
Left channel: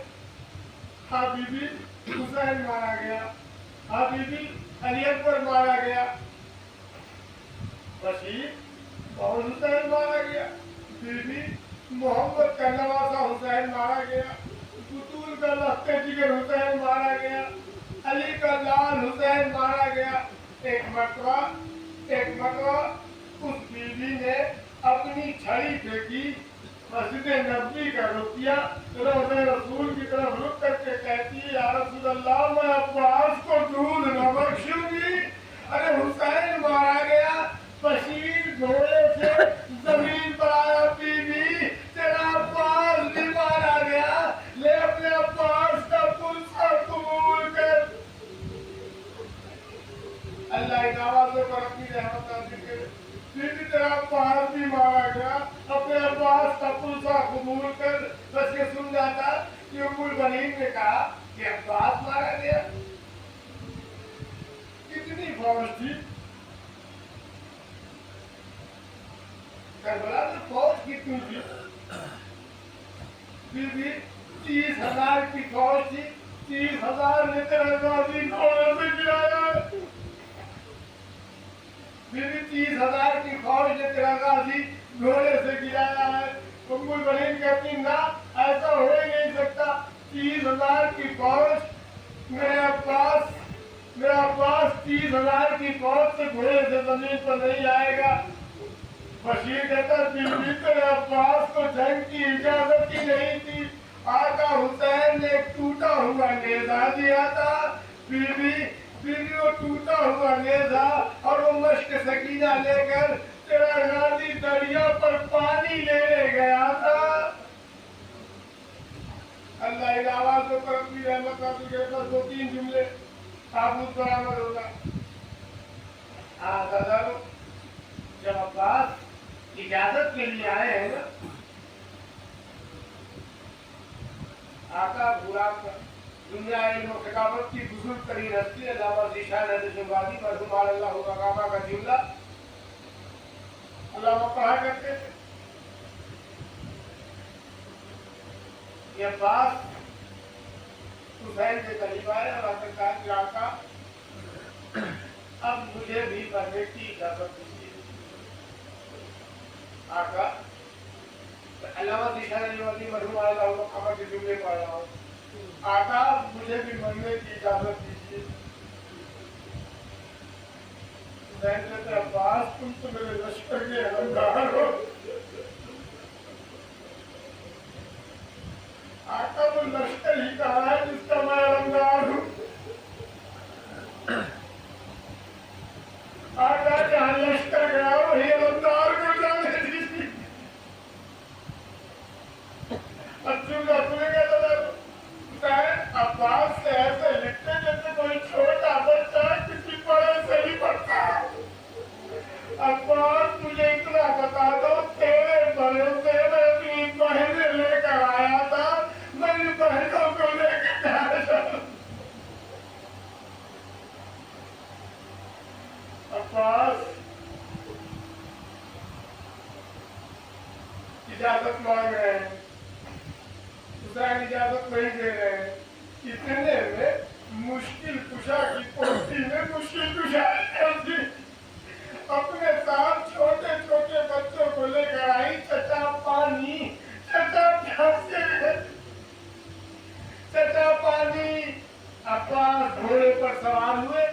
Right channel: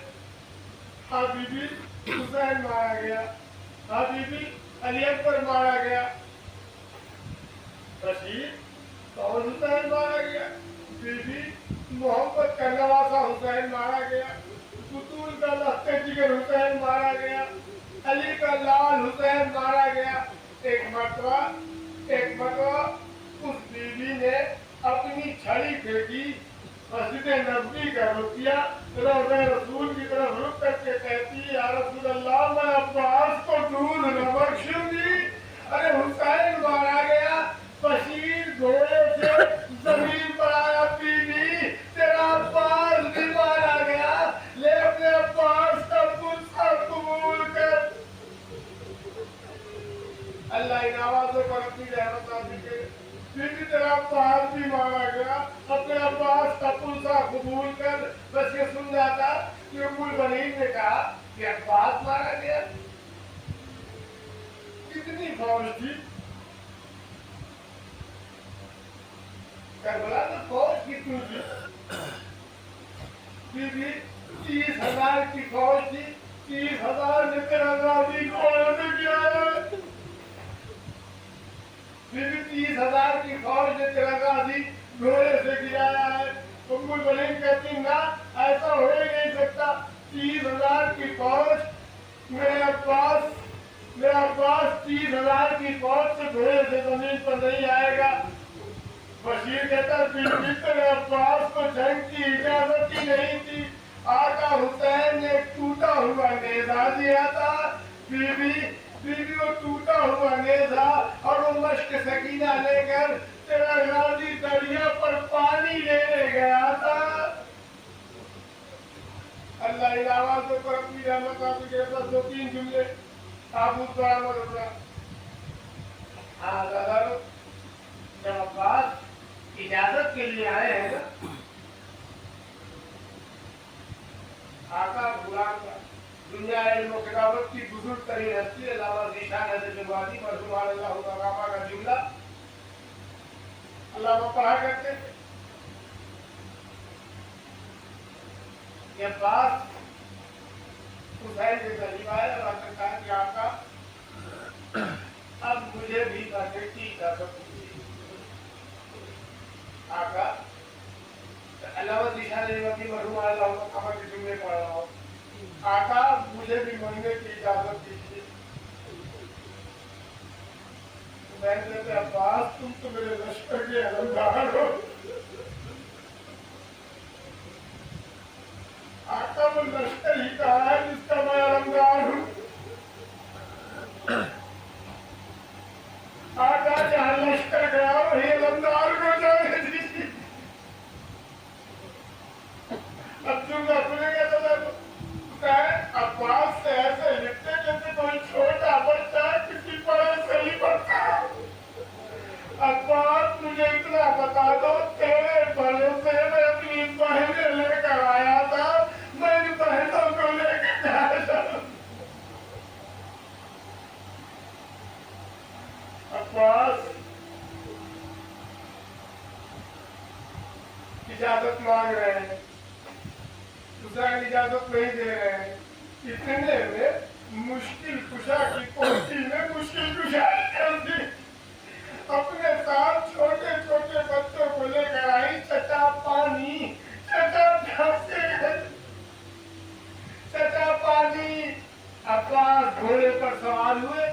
हाँ बीबी, हुसैन मारा गया, हाँ बीबी, अली अकबर मारा गया। बशीर, कौन हुसैन मारा गया? बीबी, मोहम्मद का नवासा हुसैन मारा गया, बुतूल का लख्ते जिगर हुसैन मारा गया, अली का लाल हुसैन मारा गया। एक मरतबा उस बीबी ने अपनी छड़ी फेंकी, मस्जिद नबवी का रुख किया, रोज़े रसूल की तरफ रुख करके कहती है, या रसूल अल्लाह, मैं अब्बास को दूध न बख्शूंगी। अरे हुसैन मारा गया, बशीर घोड़े से जमीन पर आया, बीबी तेरा अब्बास भी मारा गया, ले अपने अब्बास का पुलसा कबूल कर। अल्लाह इन आवाजों पर अपनी रहमत नाज़िल करे। बीबी तेरा अब्बास भी मारा गया, अपने अब्बास का पुलसा कबूल कर। बस ये सुन जाता कि उम्मुल बनीन ने कहा कि अब्बास मारा गया। कितनी फौज थी करबला में? फौज कितनी थी बीबी? 30,000 की फौज थी। 30,000 ने तेरा गाजी घोड़े से गिराया। बीबी 30,000 की फौज ने तेरा गाजी घोड़े से गिराया है। उम्मुल बनीन कहती ना, ऐसा हो ही नहीं सकता। 30,000 की फौज, मेरा अब्बास 30,000 की फौज से घोड़े से जमीन पर नहीं आएगा। बशीर कहता, बीबी तेरे अब्बास को जंग की इजाजत ही नहीं थी। आका हुसैन ने एक टूटा हुआ नेजा दिया था। बीबी वो टूटा हुआ नेजा और वो मश्क सकीना लेकर तेरा गाजी दरिया पर पानी लेने गया था। अल्लाह इन आवाजों पर अपनी रहमत नाज़िल करे। बस 2-3 जुमले ताबूत बरामद होगा। जब अब्बास इजाजत के लिए आए हैं ना, आका गुलाम का दुनिया इल्म खिलाफत की बुजुर्ग तरीन हस्ती अल्लामा ज़ीशान नज़ीमुद्दीन पर सुभान अल्लाह का जुमला अल्लामा कहा करते थे। ये बात हुसैन के करीब आया और कहा कि आका अब मुझे भी करने की इजाजत दीजिए। आका अलावा दिशा नियमती मरहूम कहा कि जुमले पढ़ रहा हूँ। आका मुझे भी मरने की इजाजत दीजिए। कहते अब्बास तुम तो मेरे लश्कर के हवलदार हो। आका वो लश्कर ही कहा है जिसका मैं हवलदार हूँ। आका जहाँ लश्कर गया वही हवलदार को जाने दीजिए। अब तुम सुनेगा तो अब्बास से ऐसे लिखते जैसे कोई छोटा बच्चा किसी बड़े से ही पढ़ता है। अब्बास मुझे इतना बता दो, तेरे भरोसे में अपनी बहनें लेकर आया था, मेरी बहनों को लेकर जाया था। अब्बास इजाजत मांग रहे हैं, हुसैन इजाजत नहीं दे रहे हैं। इतने में मुश्किल कुशा की पोती ने मुश्किल कुशा अपने साथ छोटे छोटे बच्चों को लेकर आई। चचा पानी, चचा प्यासे, चचा पानी। अब्बास घोड़े पर सवार हुए,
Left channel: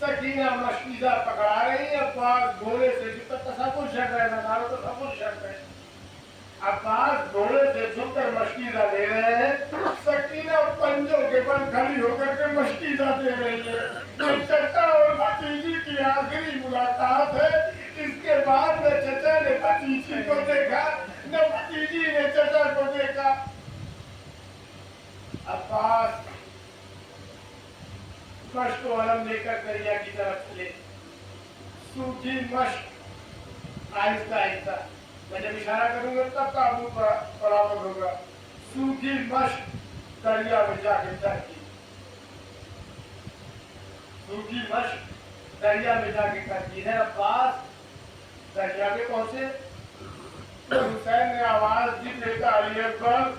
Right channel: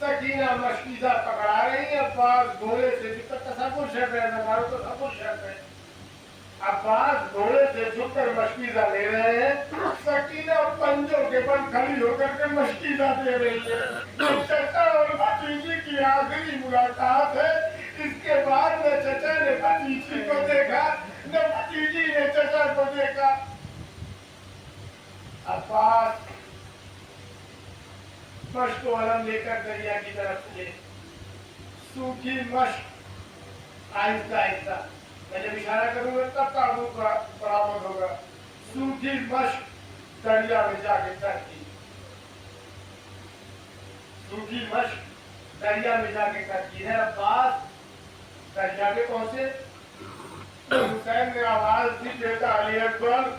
सकीना मशकीदा पकड़ा रही। अब्बास घोड़े से तसव्वुर शर्त है, नजारों को तसव्वुर शर्त है। अब्बास घोड़े से झुककर मशकीदा ले रहे हैं, सकीना पंजों के बल खड़ी होकर के मशकीदा दे रही है। ये चचा और भतीजी की आखिरी मुलाकात है। इसके बाद न चचा ने भतीजी को देखा, न भतीजी ने चचा को देखा। अब्बास मश्क वलम लेकर दरिया की तरफ चले। सूखी मश्क आहिस्ता आहिस्ता, मैं जब इशारा करूंगा तब ताबूत बराबर होगा। सूखी मश्क दरिया में जाके तैरती, सूखी मश्क दरिया में जाके तैरती है। अब्बास दरिया पे पहुंचे तो हुसैन ने आवाज दी, बेटा अली अकबर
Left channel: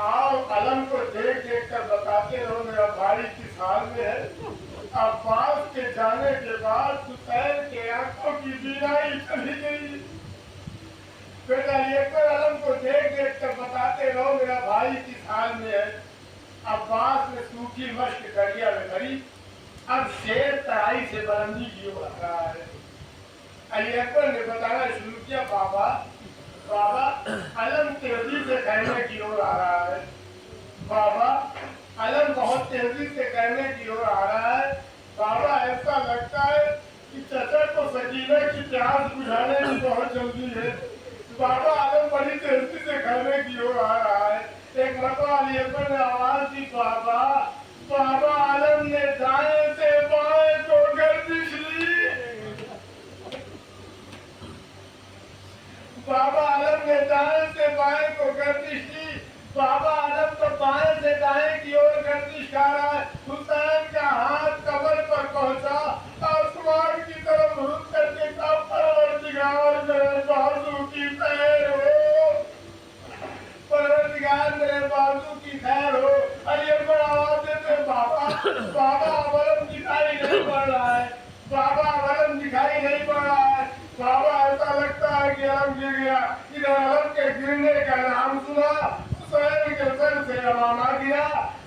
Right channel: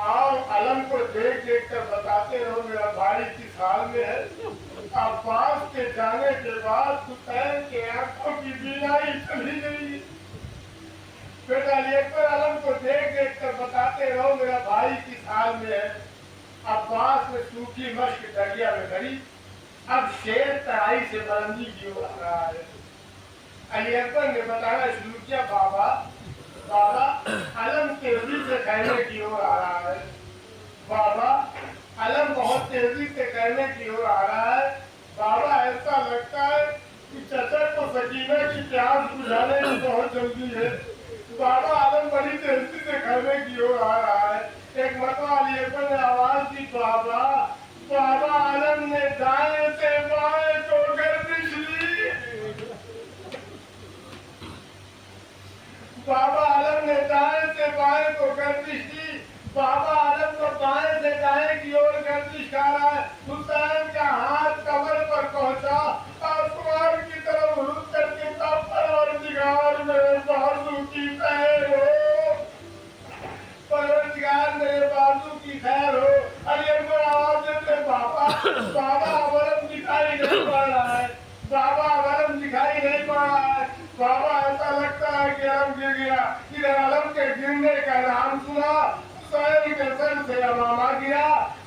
आओ, अलम को देख देख कर बताते रहो मेरा भाई किस हाल में है। अब्बास के जाने के बाद हुसैन के आंखों की बीनाई चली गई। बेटा अली अकबर अलम को देख देख कर बताते रहो मेरा भाई किस हाल में है। अब्बास ने सूखी मश्क दरिया में भरी। अब शेर तराई से बुलंदी की ओर आ रहा है। अली अकबर ने बताना शुरू किया, बाबा बाबा अलम तेजी से कहने की ओर आ रहा है। बाबा अलम बहुत तेजी से कहने की ओर आ रहा है। बाबा ऐसा लगता है कि चचा को सकीना की प्यास बुझाने में बहुत जल्दी है। बाबा अलम बड़ी तेजी से कहने की ओर आ रहा है। एक मरतबा अली अकबर ने आवाज दी, बाबा बाबा अलम ने दाएं से बाएं को गर्दिश ली। बाबा आलम ने दाएं से बाएं को गर्दिश की। बाबा आलम तो बाएं से दाएं की ओर गर्दिश कर रहा है। हुसैन का हाथ कमर पर पहुंचा, आसमान की तरफ रुख करके कहा, परवरदिगार मेरे बाजू की खैर हो, परवरदिगार मेरे बाजू की खैर हो। अली अकबर आवाज देते, बाबा बाबा अलम दिखाई नहीं पड़ रहा है, बाबा अलम दिखाई नहीं पड़ रहा है। बाबा ऐसा लगता है कि अलम गिर गया। इधर अलम के गिरने का नाम सुना, हुसैन के सर से अमामा गिरा,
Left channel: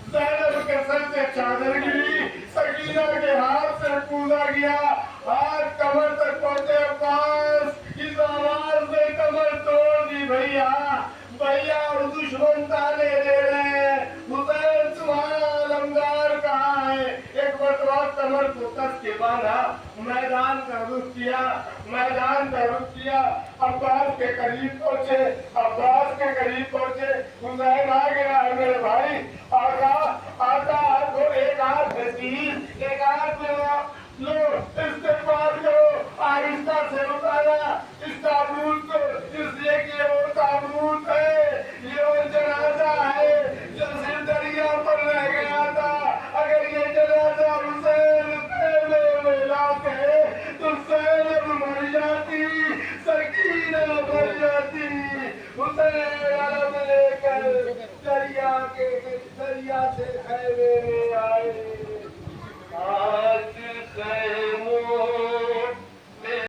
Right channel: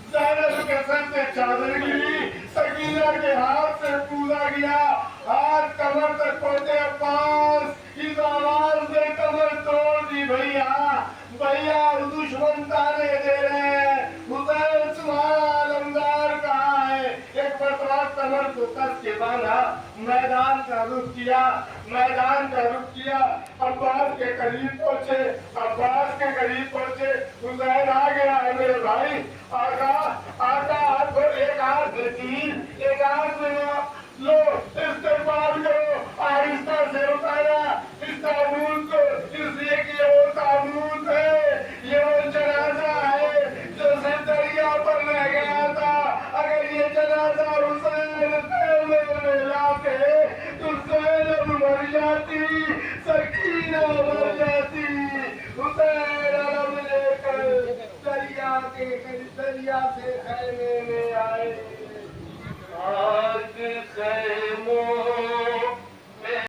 ज़ैनब के सर से चादर गिरी, सकीना के हाथ से कूदा गया, हाथ कमर तक पहुंचे। अब्बास इस आवाज ने कमर तोड़ दी, भैया भैया और दुश्मन ताने दे रहे हैं, हुसैन तुम्हारा अलमदार कहाँ है। एक मरतबा कमर को कस के बांधा, मैदान का रुख किया, मैदान का रुख किया। अब्बास के करीब पहुंचे, अब्बास के करीब पहुंचे। हुसैन आ गया है मेरे भाई। आका आका, एक हाथ में तीर, एक हाथ में लो, इस